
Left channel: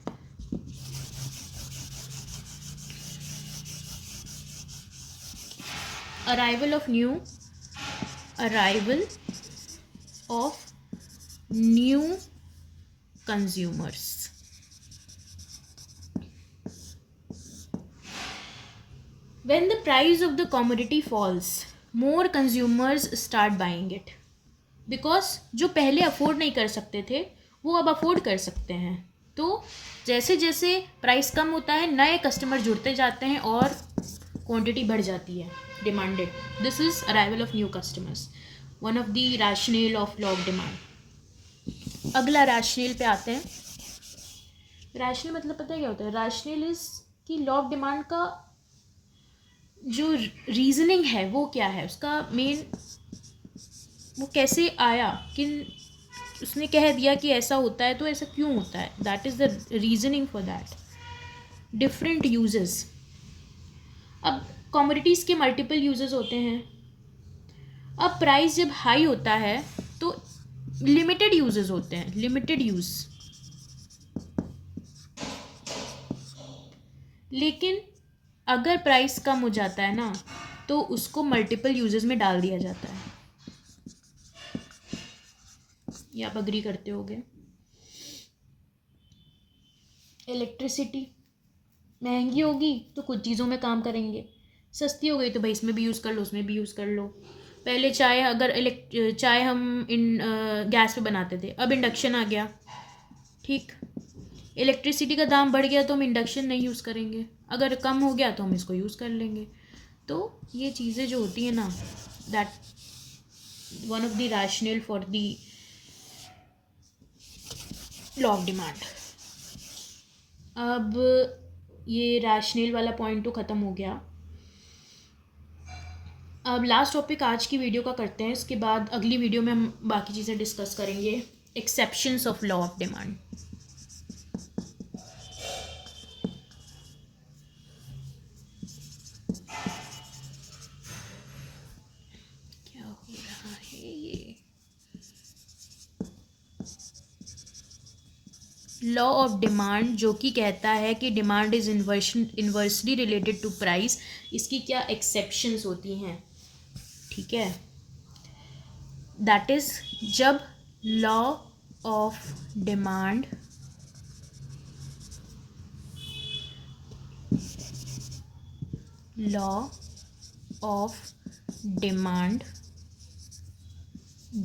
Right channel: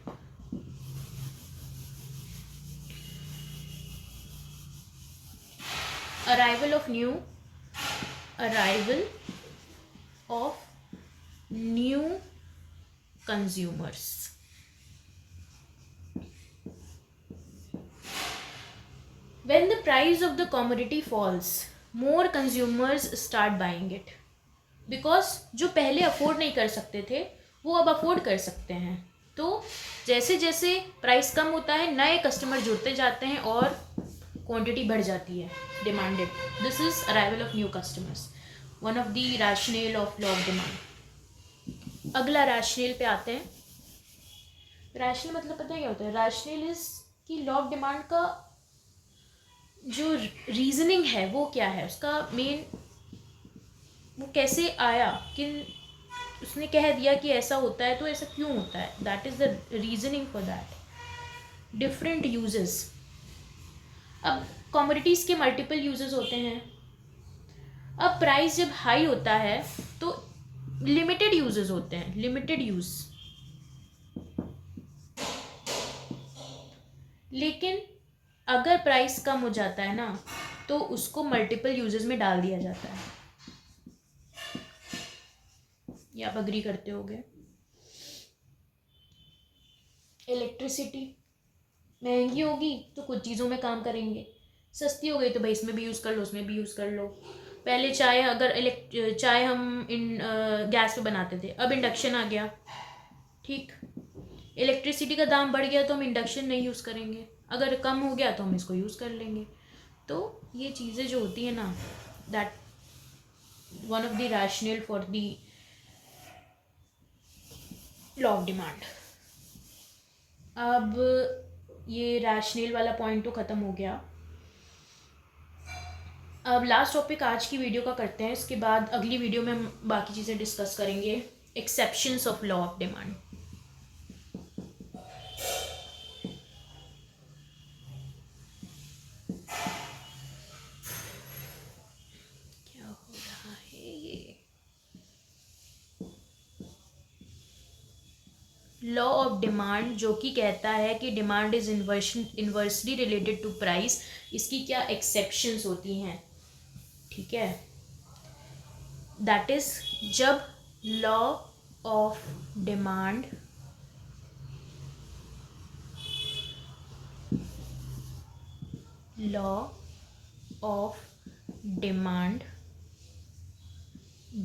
arrival of new consumers. When the price of the commodity falls, more consumers start buying it. Because जो पहले अफोर्ड नहीं कर सकते थे वो अब अफोर्ड कर सकते हैं. तो जैसे जैसे प्राइस कम होता है नए कस्टमर जुड़ते जाते हैं और क्वांटिटी बढ़ जाती है demanded. This is arrival of new customers, one of the rational of law of demand. अगला रैशनल पे आते हैं. रैशनल मतलब पता है क्या होता है? रैशनल इज कि लॉ ऑफ डिमांड का जो रीजनिंग है वो क्या है, उसका मेन वो कैसे आया कि उसने कह दिया कि ऐसा होता है तो ऐसा क्यों होता है. That is the reasoning for that. Different uses. अब कमोडिटीज़ के मल्टीपल यूजेस होते हैं. अब प्राइस जब हाई होता है तो लिमिटेड यूजेस होते हैं, लिमिटेड यूज. लेकिन अगर प्राइस कम हो जाता है ना तो उसको मल्टीपल यूजेस में डाल दिया जाता है. ये आप अग्री करते होगे. इलेक्ट्रिसिटी महंगी होगी तो कुछ चीज़ों में काम करेंगे, सस्ती हो गई तो भाई इसमें भी यूज़ कर लो उसमें भी यूज़ कर लो. पहले चाय अगर चाय हम गैस पे बनाते थे, अब इंडक्शन आ गया. ठीक. इलेक्ट्रिसिटी का दाम बढ़ गया तो हम इंडक्शन नहीं यूज़ करेंगे, अगर कम हो गया तो हम इसको यूज़ कर लेंगे. तो ये चीज़ें जो होती हैं ना, that one of the rational for the law of demand. अब ये रैशनल वाला पॉइंट तो ख़त्म हो गया. अब लास्ट टॉपिक आज की वीडियो का करते हैं, इसके बाद अगली वीडियो में हम बाकी चीज़ें डिस्कस करेंगे. Exceptions of law of demand. क्या हो रहा है ये? लॉ ऑफ डिमांड जो कि कहता है कि demand is inversely related to price. इसकी क्या एक्सेप्शंस होती हैं? ठीक है. दैट इज जब law of demand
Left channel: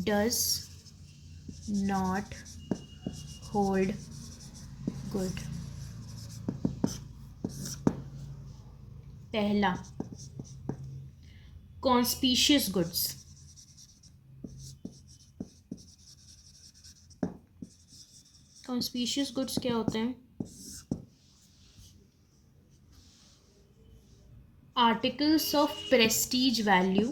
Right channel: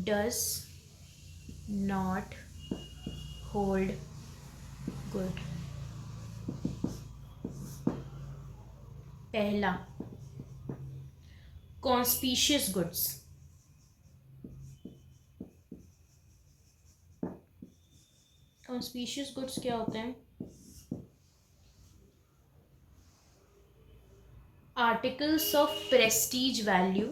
does not hold good. पहला, कॉन्स्पिशियस गुड्स. कॉन्स्पिशियस गुड्स क्या होते हैं? आर्टिकल्स ऑफ प्रेस्टीज वैल्यू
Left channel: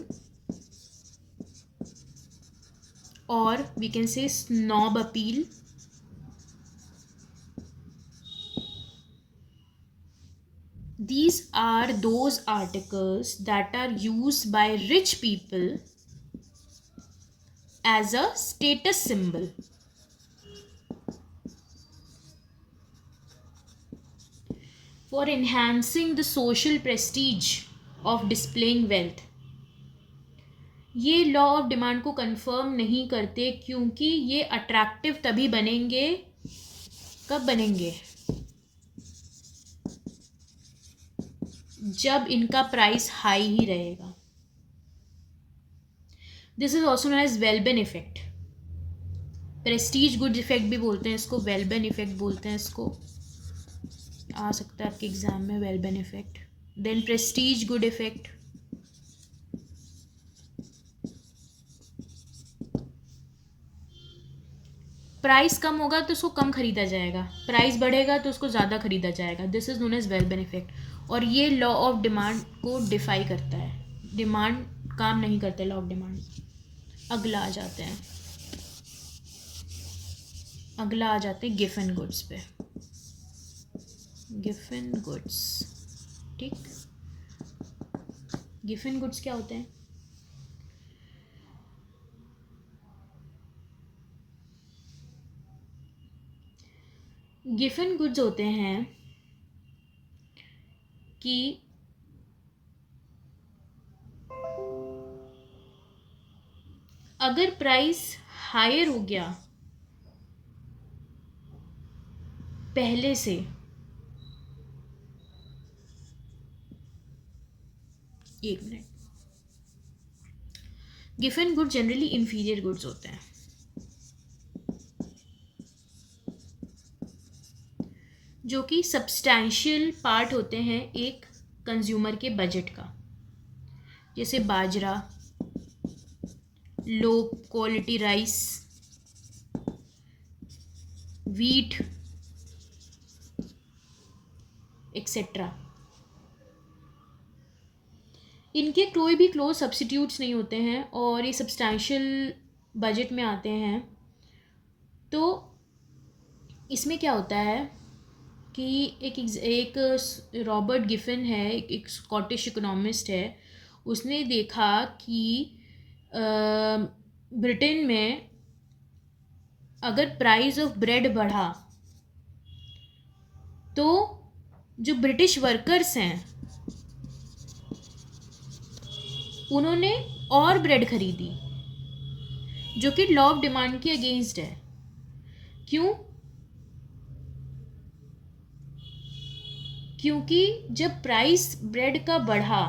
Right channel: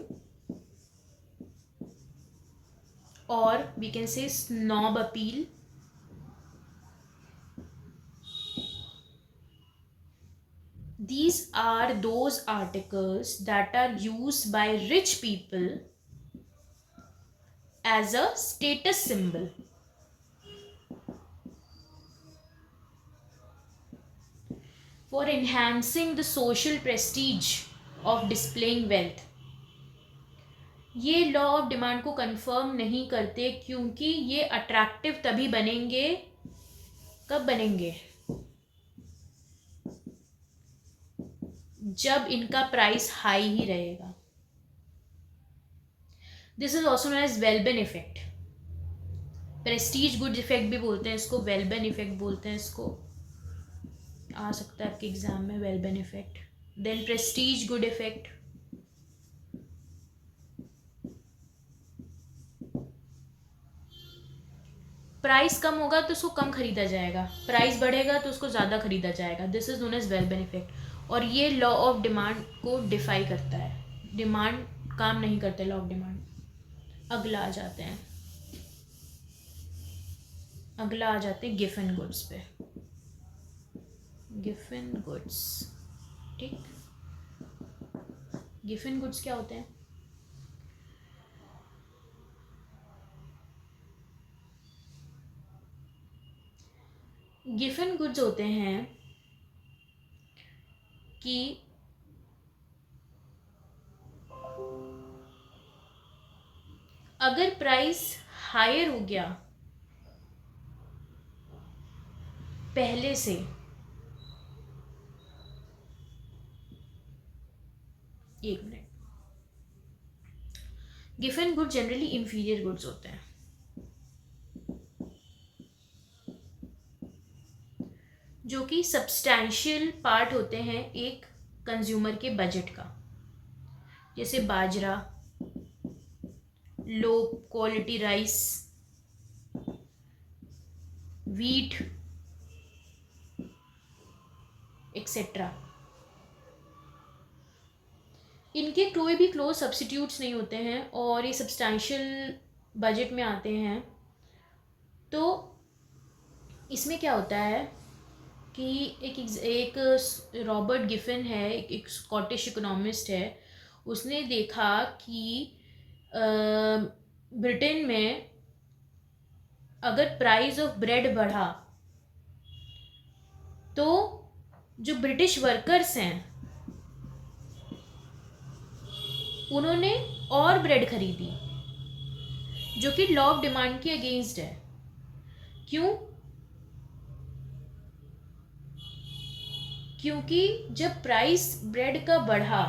और we can say snob appeal. These are those articles that are used by rich people as a status symbol. For enhancing the social prestige of displaying wealth. ये law of demand को confirm नहीं करते क्योंकि ये attractive तभी बनेंगे, कब बनेंगे? जब इनका प्राइस हाई ही रहेगा. This is also known as वेलबेन इफेक्ट. प्रेस्टीज गुड इफेक्ट भी बोलते हैं इसको, वेलबेन इफेक्ट बोलते हैं इसको. आ सकता है आपके एग्जाम में वेलबेन effect. Then prestige good effect. Price कम होगा तो उसको कम खरीदा जाएगा, प्राइस बढ़ेगा तो उसको ज़्यादा खरीदा जाएगा. दिस इज नोन एज वेलबेन इफेक्ट. और ये लॉ ऑफ डिमांड को डिफाई करता है. डिमांड काम नहीं करते लॉ ऑफ डिमांड. अगला आ जाते हैं गिफन गुड्स पे. Giffen goods. ठीक. गिफन गुड्स क्या होते हैं? गिफन गुड्स होते हैं कि अगर प्राइस हायर हो गया पहले से एक minute. Given good generally inferior goods होते हैं, जो कि सब्सटैंशियल पार्ट होते हैं एक कंज्यूमर के बजट का, जैसे बाजरा, low quality rice, wheat etcetera. इनके कोई भी क्लोज सब्स्टिट्यूट्स नहीं होते हैं और ये सब्सटैंशियल बजट में आते हैं। तो इसमें क्या होता है कि एक रॉबर्ट गिफिन है, एक स्कॉटिश इकोनॉमिस्ट है, उसने देखा कि ब्रिटेन में अगर प्राइस ऑफ ब्रेड बढ़ा तो जो ब्रिटिश वर्कर्स हैं उन्होंने और ब्रेड खरीदी, जो कि लॉ ऑफ डिमांड के अगेंस्ट है। क्यों? क्योंकि जब प्राइस ब्रेड का बढ़ा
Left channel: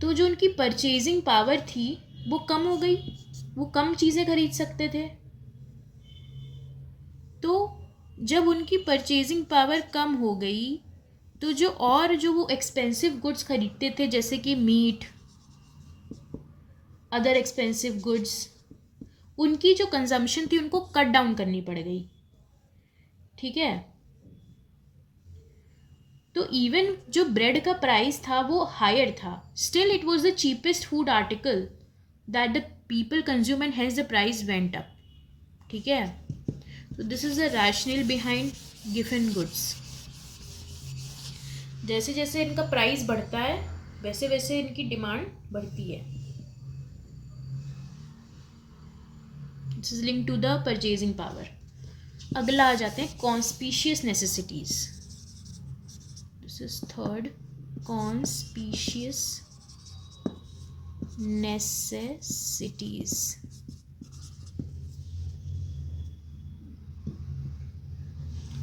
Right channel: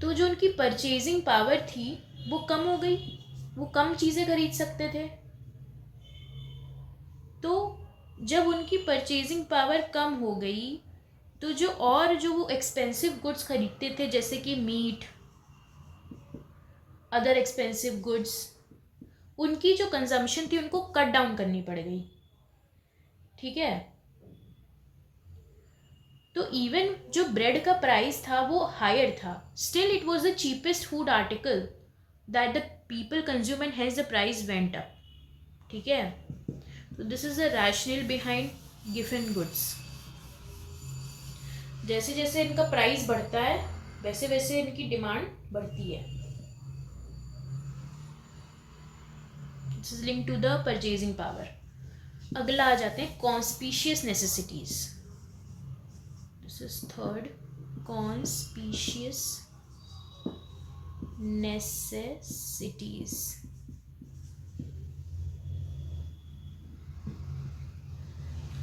तो जो उनकी परचेजिंग पावर थी वो कम हो गई, वो कम चीज़ें खरीद सकते थे। तो जब उनकी परचेजिंग पावर कम हो गई तो जो वो एक्सपेंसिव गुड्स खरीदते थे, जैसे कि मीट, अदर एक्सपेंसिव गुड्स, उनकी जो कंजम्पशन थी उनको कट डाउन करनी पड़ गई। ठीक है, तो इवन जो ब्रेड का प्राइस था वो हायर था, still it was the cheapest food article that the people consume and hence the price went up. ठीक है, तो this is the rational behind given goods. जैसे जैसे इनका प्राइस बढ़ता है वैसे वैसे इनकी डिमांड बढ़ती है। This is linked to the purchasing power. अगला आ जाते हैं conspicuous necessities. This is third, conspicuous necessities.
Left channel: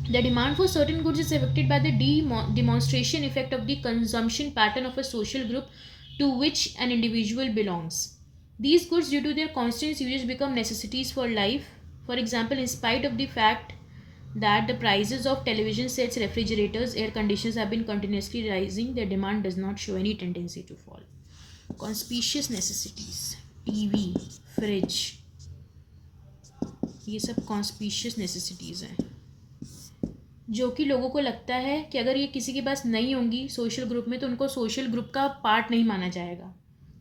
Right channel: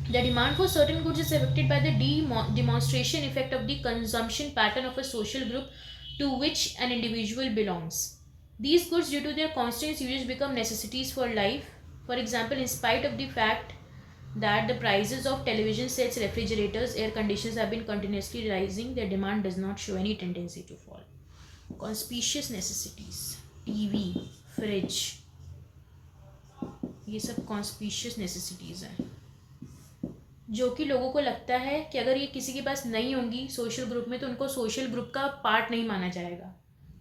The demand for certain goods is affected by the demonstration effect of the consumption pattern of a social group to which an individual belongs. These goods, due to their constant usage, become necessities for life. For example, in spite of the fact that the prices of television sets, refrigerators, air conditioners have been continuously rising, their demand does not show any tendency to fall. Conspicuous necessities, TV, fridge, ये सब conspicuous necessities हैं, जो कि लोगों को लगता है कि अगर ये किसी के पास नहीं होंगी सोशल ग्रुप में तो उनको सोशल ग्रुप का पार्ट नहीं माना जाएगा।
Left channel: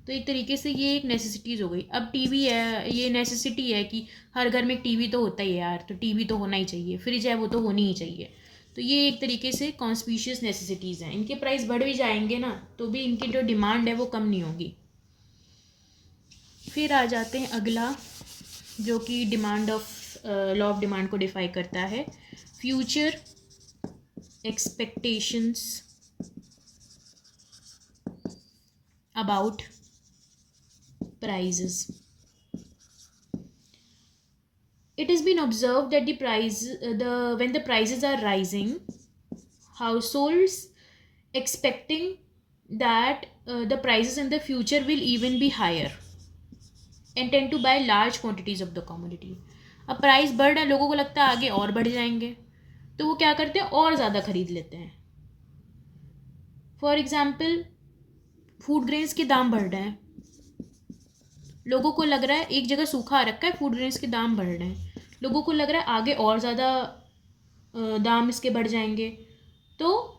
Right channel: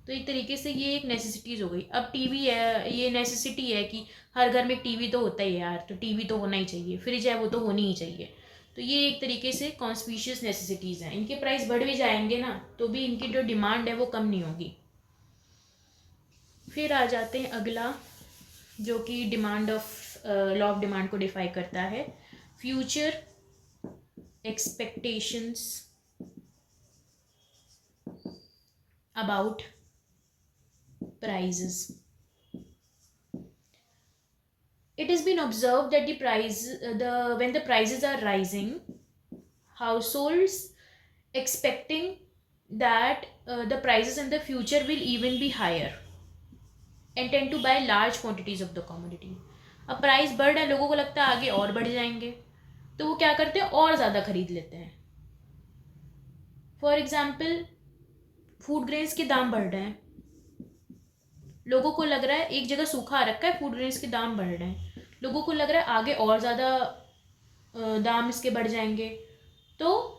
तो एक तरीके से ये एक नेसेसिटीज़ हो गई। अब टीवी है, ये नेसेसिटी है कि हर घर में एक टीवी तो होता ही है यार, तो टीवी तो होना ही चाहिए, फ्रिज है वो तो होनी ही चाहिए। तो ये एक तरीके से कॉन्स्पिशियस नेसेसिटीज़ हैं। इनके प्राइस बढ़ भी जाएंगे ना तो भी इनकी जो डिमांड है वो कम नहीं होगी। फिर आ जाते हैं अगला, जो कि demand of law of demand को डिफाइन करता है, future expectations about prices. It has been observed that when the prices are rising, households expecting that the prices in the future will even be higher and tend to buy large quantities of the commodity. अब price बढ़ रहा है, लोगों को लगता है आगे और बढ़ जाएंगे, तो वो क्या करते हैं और ज़्यादा खरीद लेते हैं। फॉर एग्जाम्पल, फूड ग्रेन्स के दाम बढ़ रहे हैं, लोगों को लग रहा है एक जगह सूखा आ रखा है, फूड ग्रेन्स के दाम बढ़ रहे हैं, लोगों को लग रहा है आगे और ज़्यादा दाम इसके बढ़ जाएंगे, तो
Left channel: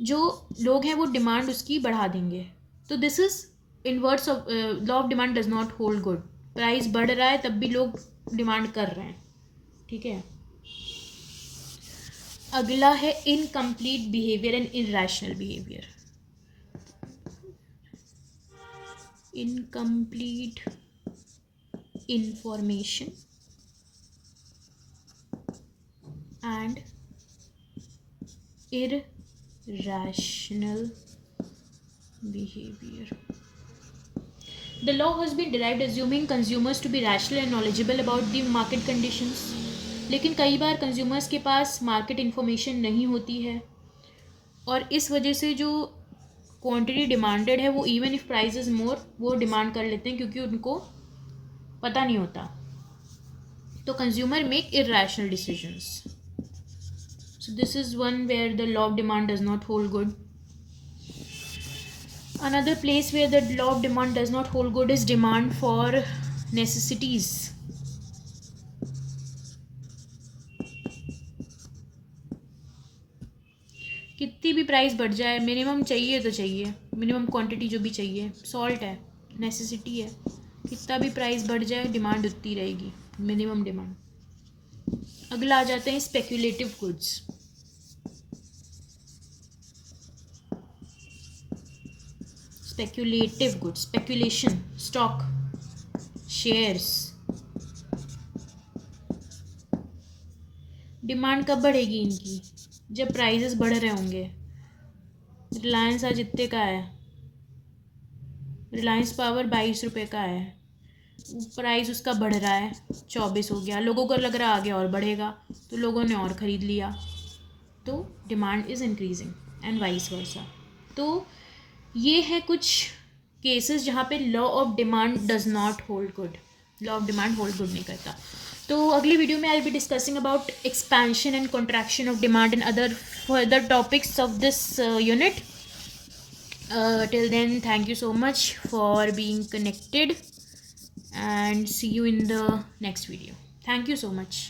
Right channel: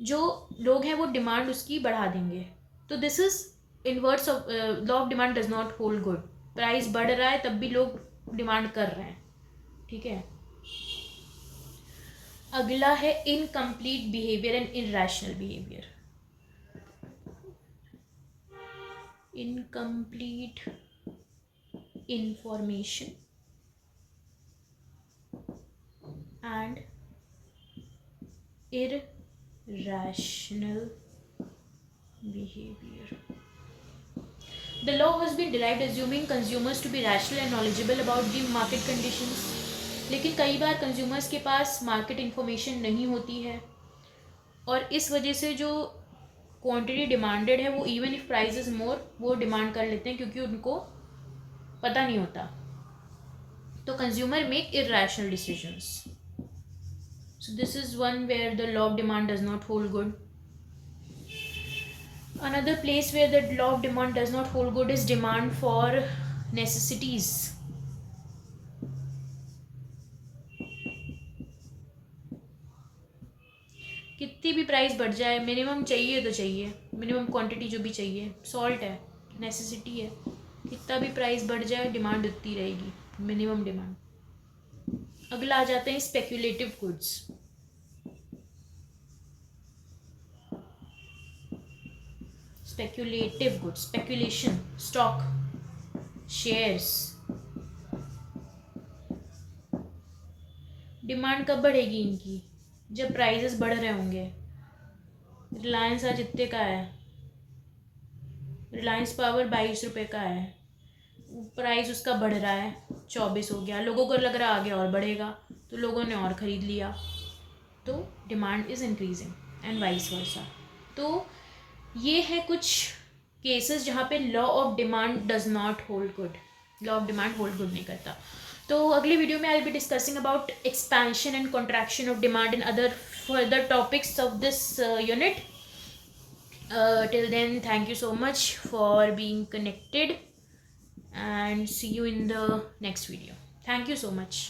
जो लोग हैं वो डिमांड उसकी बढ़ा देंगे। तो this is inverse of law of demand does not hold good. Price बढ़ रहा है तब भी लोग डिमांड कर रहे हैं। ठीक है, अगला है incomplete behaviour and irrational behaviour. Incomplete information and irrational behavior. The law has been derived assuming consumers to be rational and knowledgeable about the market conditions. लेकिन कई बार कंज्यूमर्स के पास मार्केट इन्फॉर्मेशन नहीं होती है और इस वजह से जो क्वांटिटी डिमांडेड है वो even if price is more वो डिमांड कर लेते हैं क्योंकि उनको पता नहीं होता. तो consumer make irrational decisions. So this is one where the law of demand does not hold good. Another place where the law of demand does not hold good is demand for necessities. कितनी भी price बढ़ जाए, minimum चाहिए तो चाहिए, minimum quantity जो भी चाहिए. सॉल्ट है, नेसेसिटी है, कितना भी प्राइस बढ़ जाए डिमांड उतनी रहेगी, मिनिमम डिमांड. अगला आ जाते हैं speculative goods. Speculative goods, speculation, stock, shares. Demand कब बढ़ेगी इनकी? जब प्राइसेस बढ़ रहे होंगे. रिलायंस आज इतने का है, रिलायंस पावर 22 रुपये का है, प्राइस उसका बढ़ रहा है, 24 हो गया, लोगों को लग रहा आगे और बढ़ेगा तो लोगों ने और ख़रीद लिया, तो demand is increasing and vice versa. तो ये है कुछ केसेस जहाँ पे law of demand does not hold good, law of demand hold good नहीं करता. तो अगली वीडियो में I will be discussing about expansion and contraction of demand and other further topics of this unit. Till then, thank you so much for being connected and see you in the next video. Thank you so much.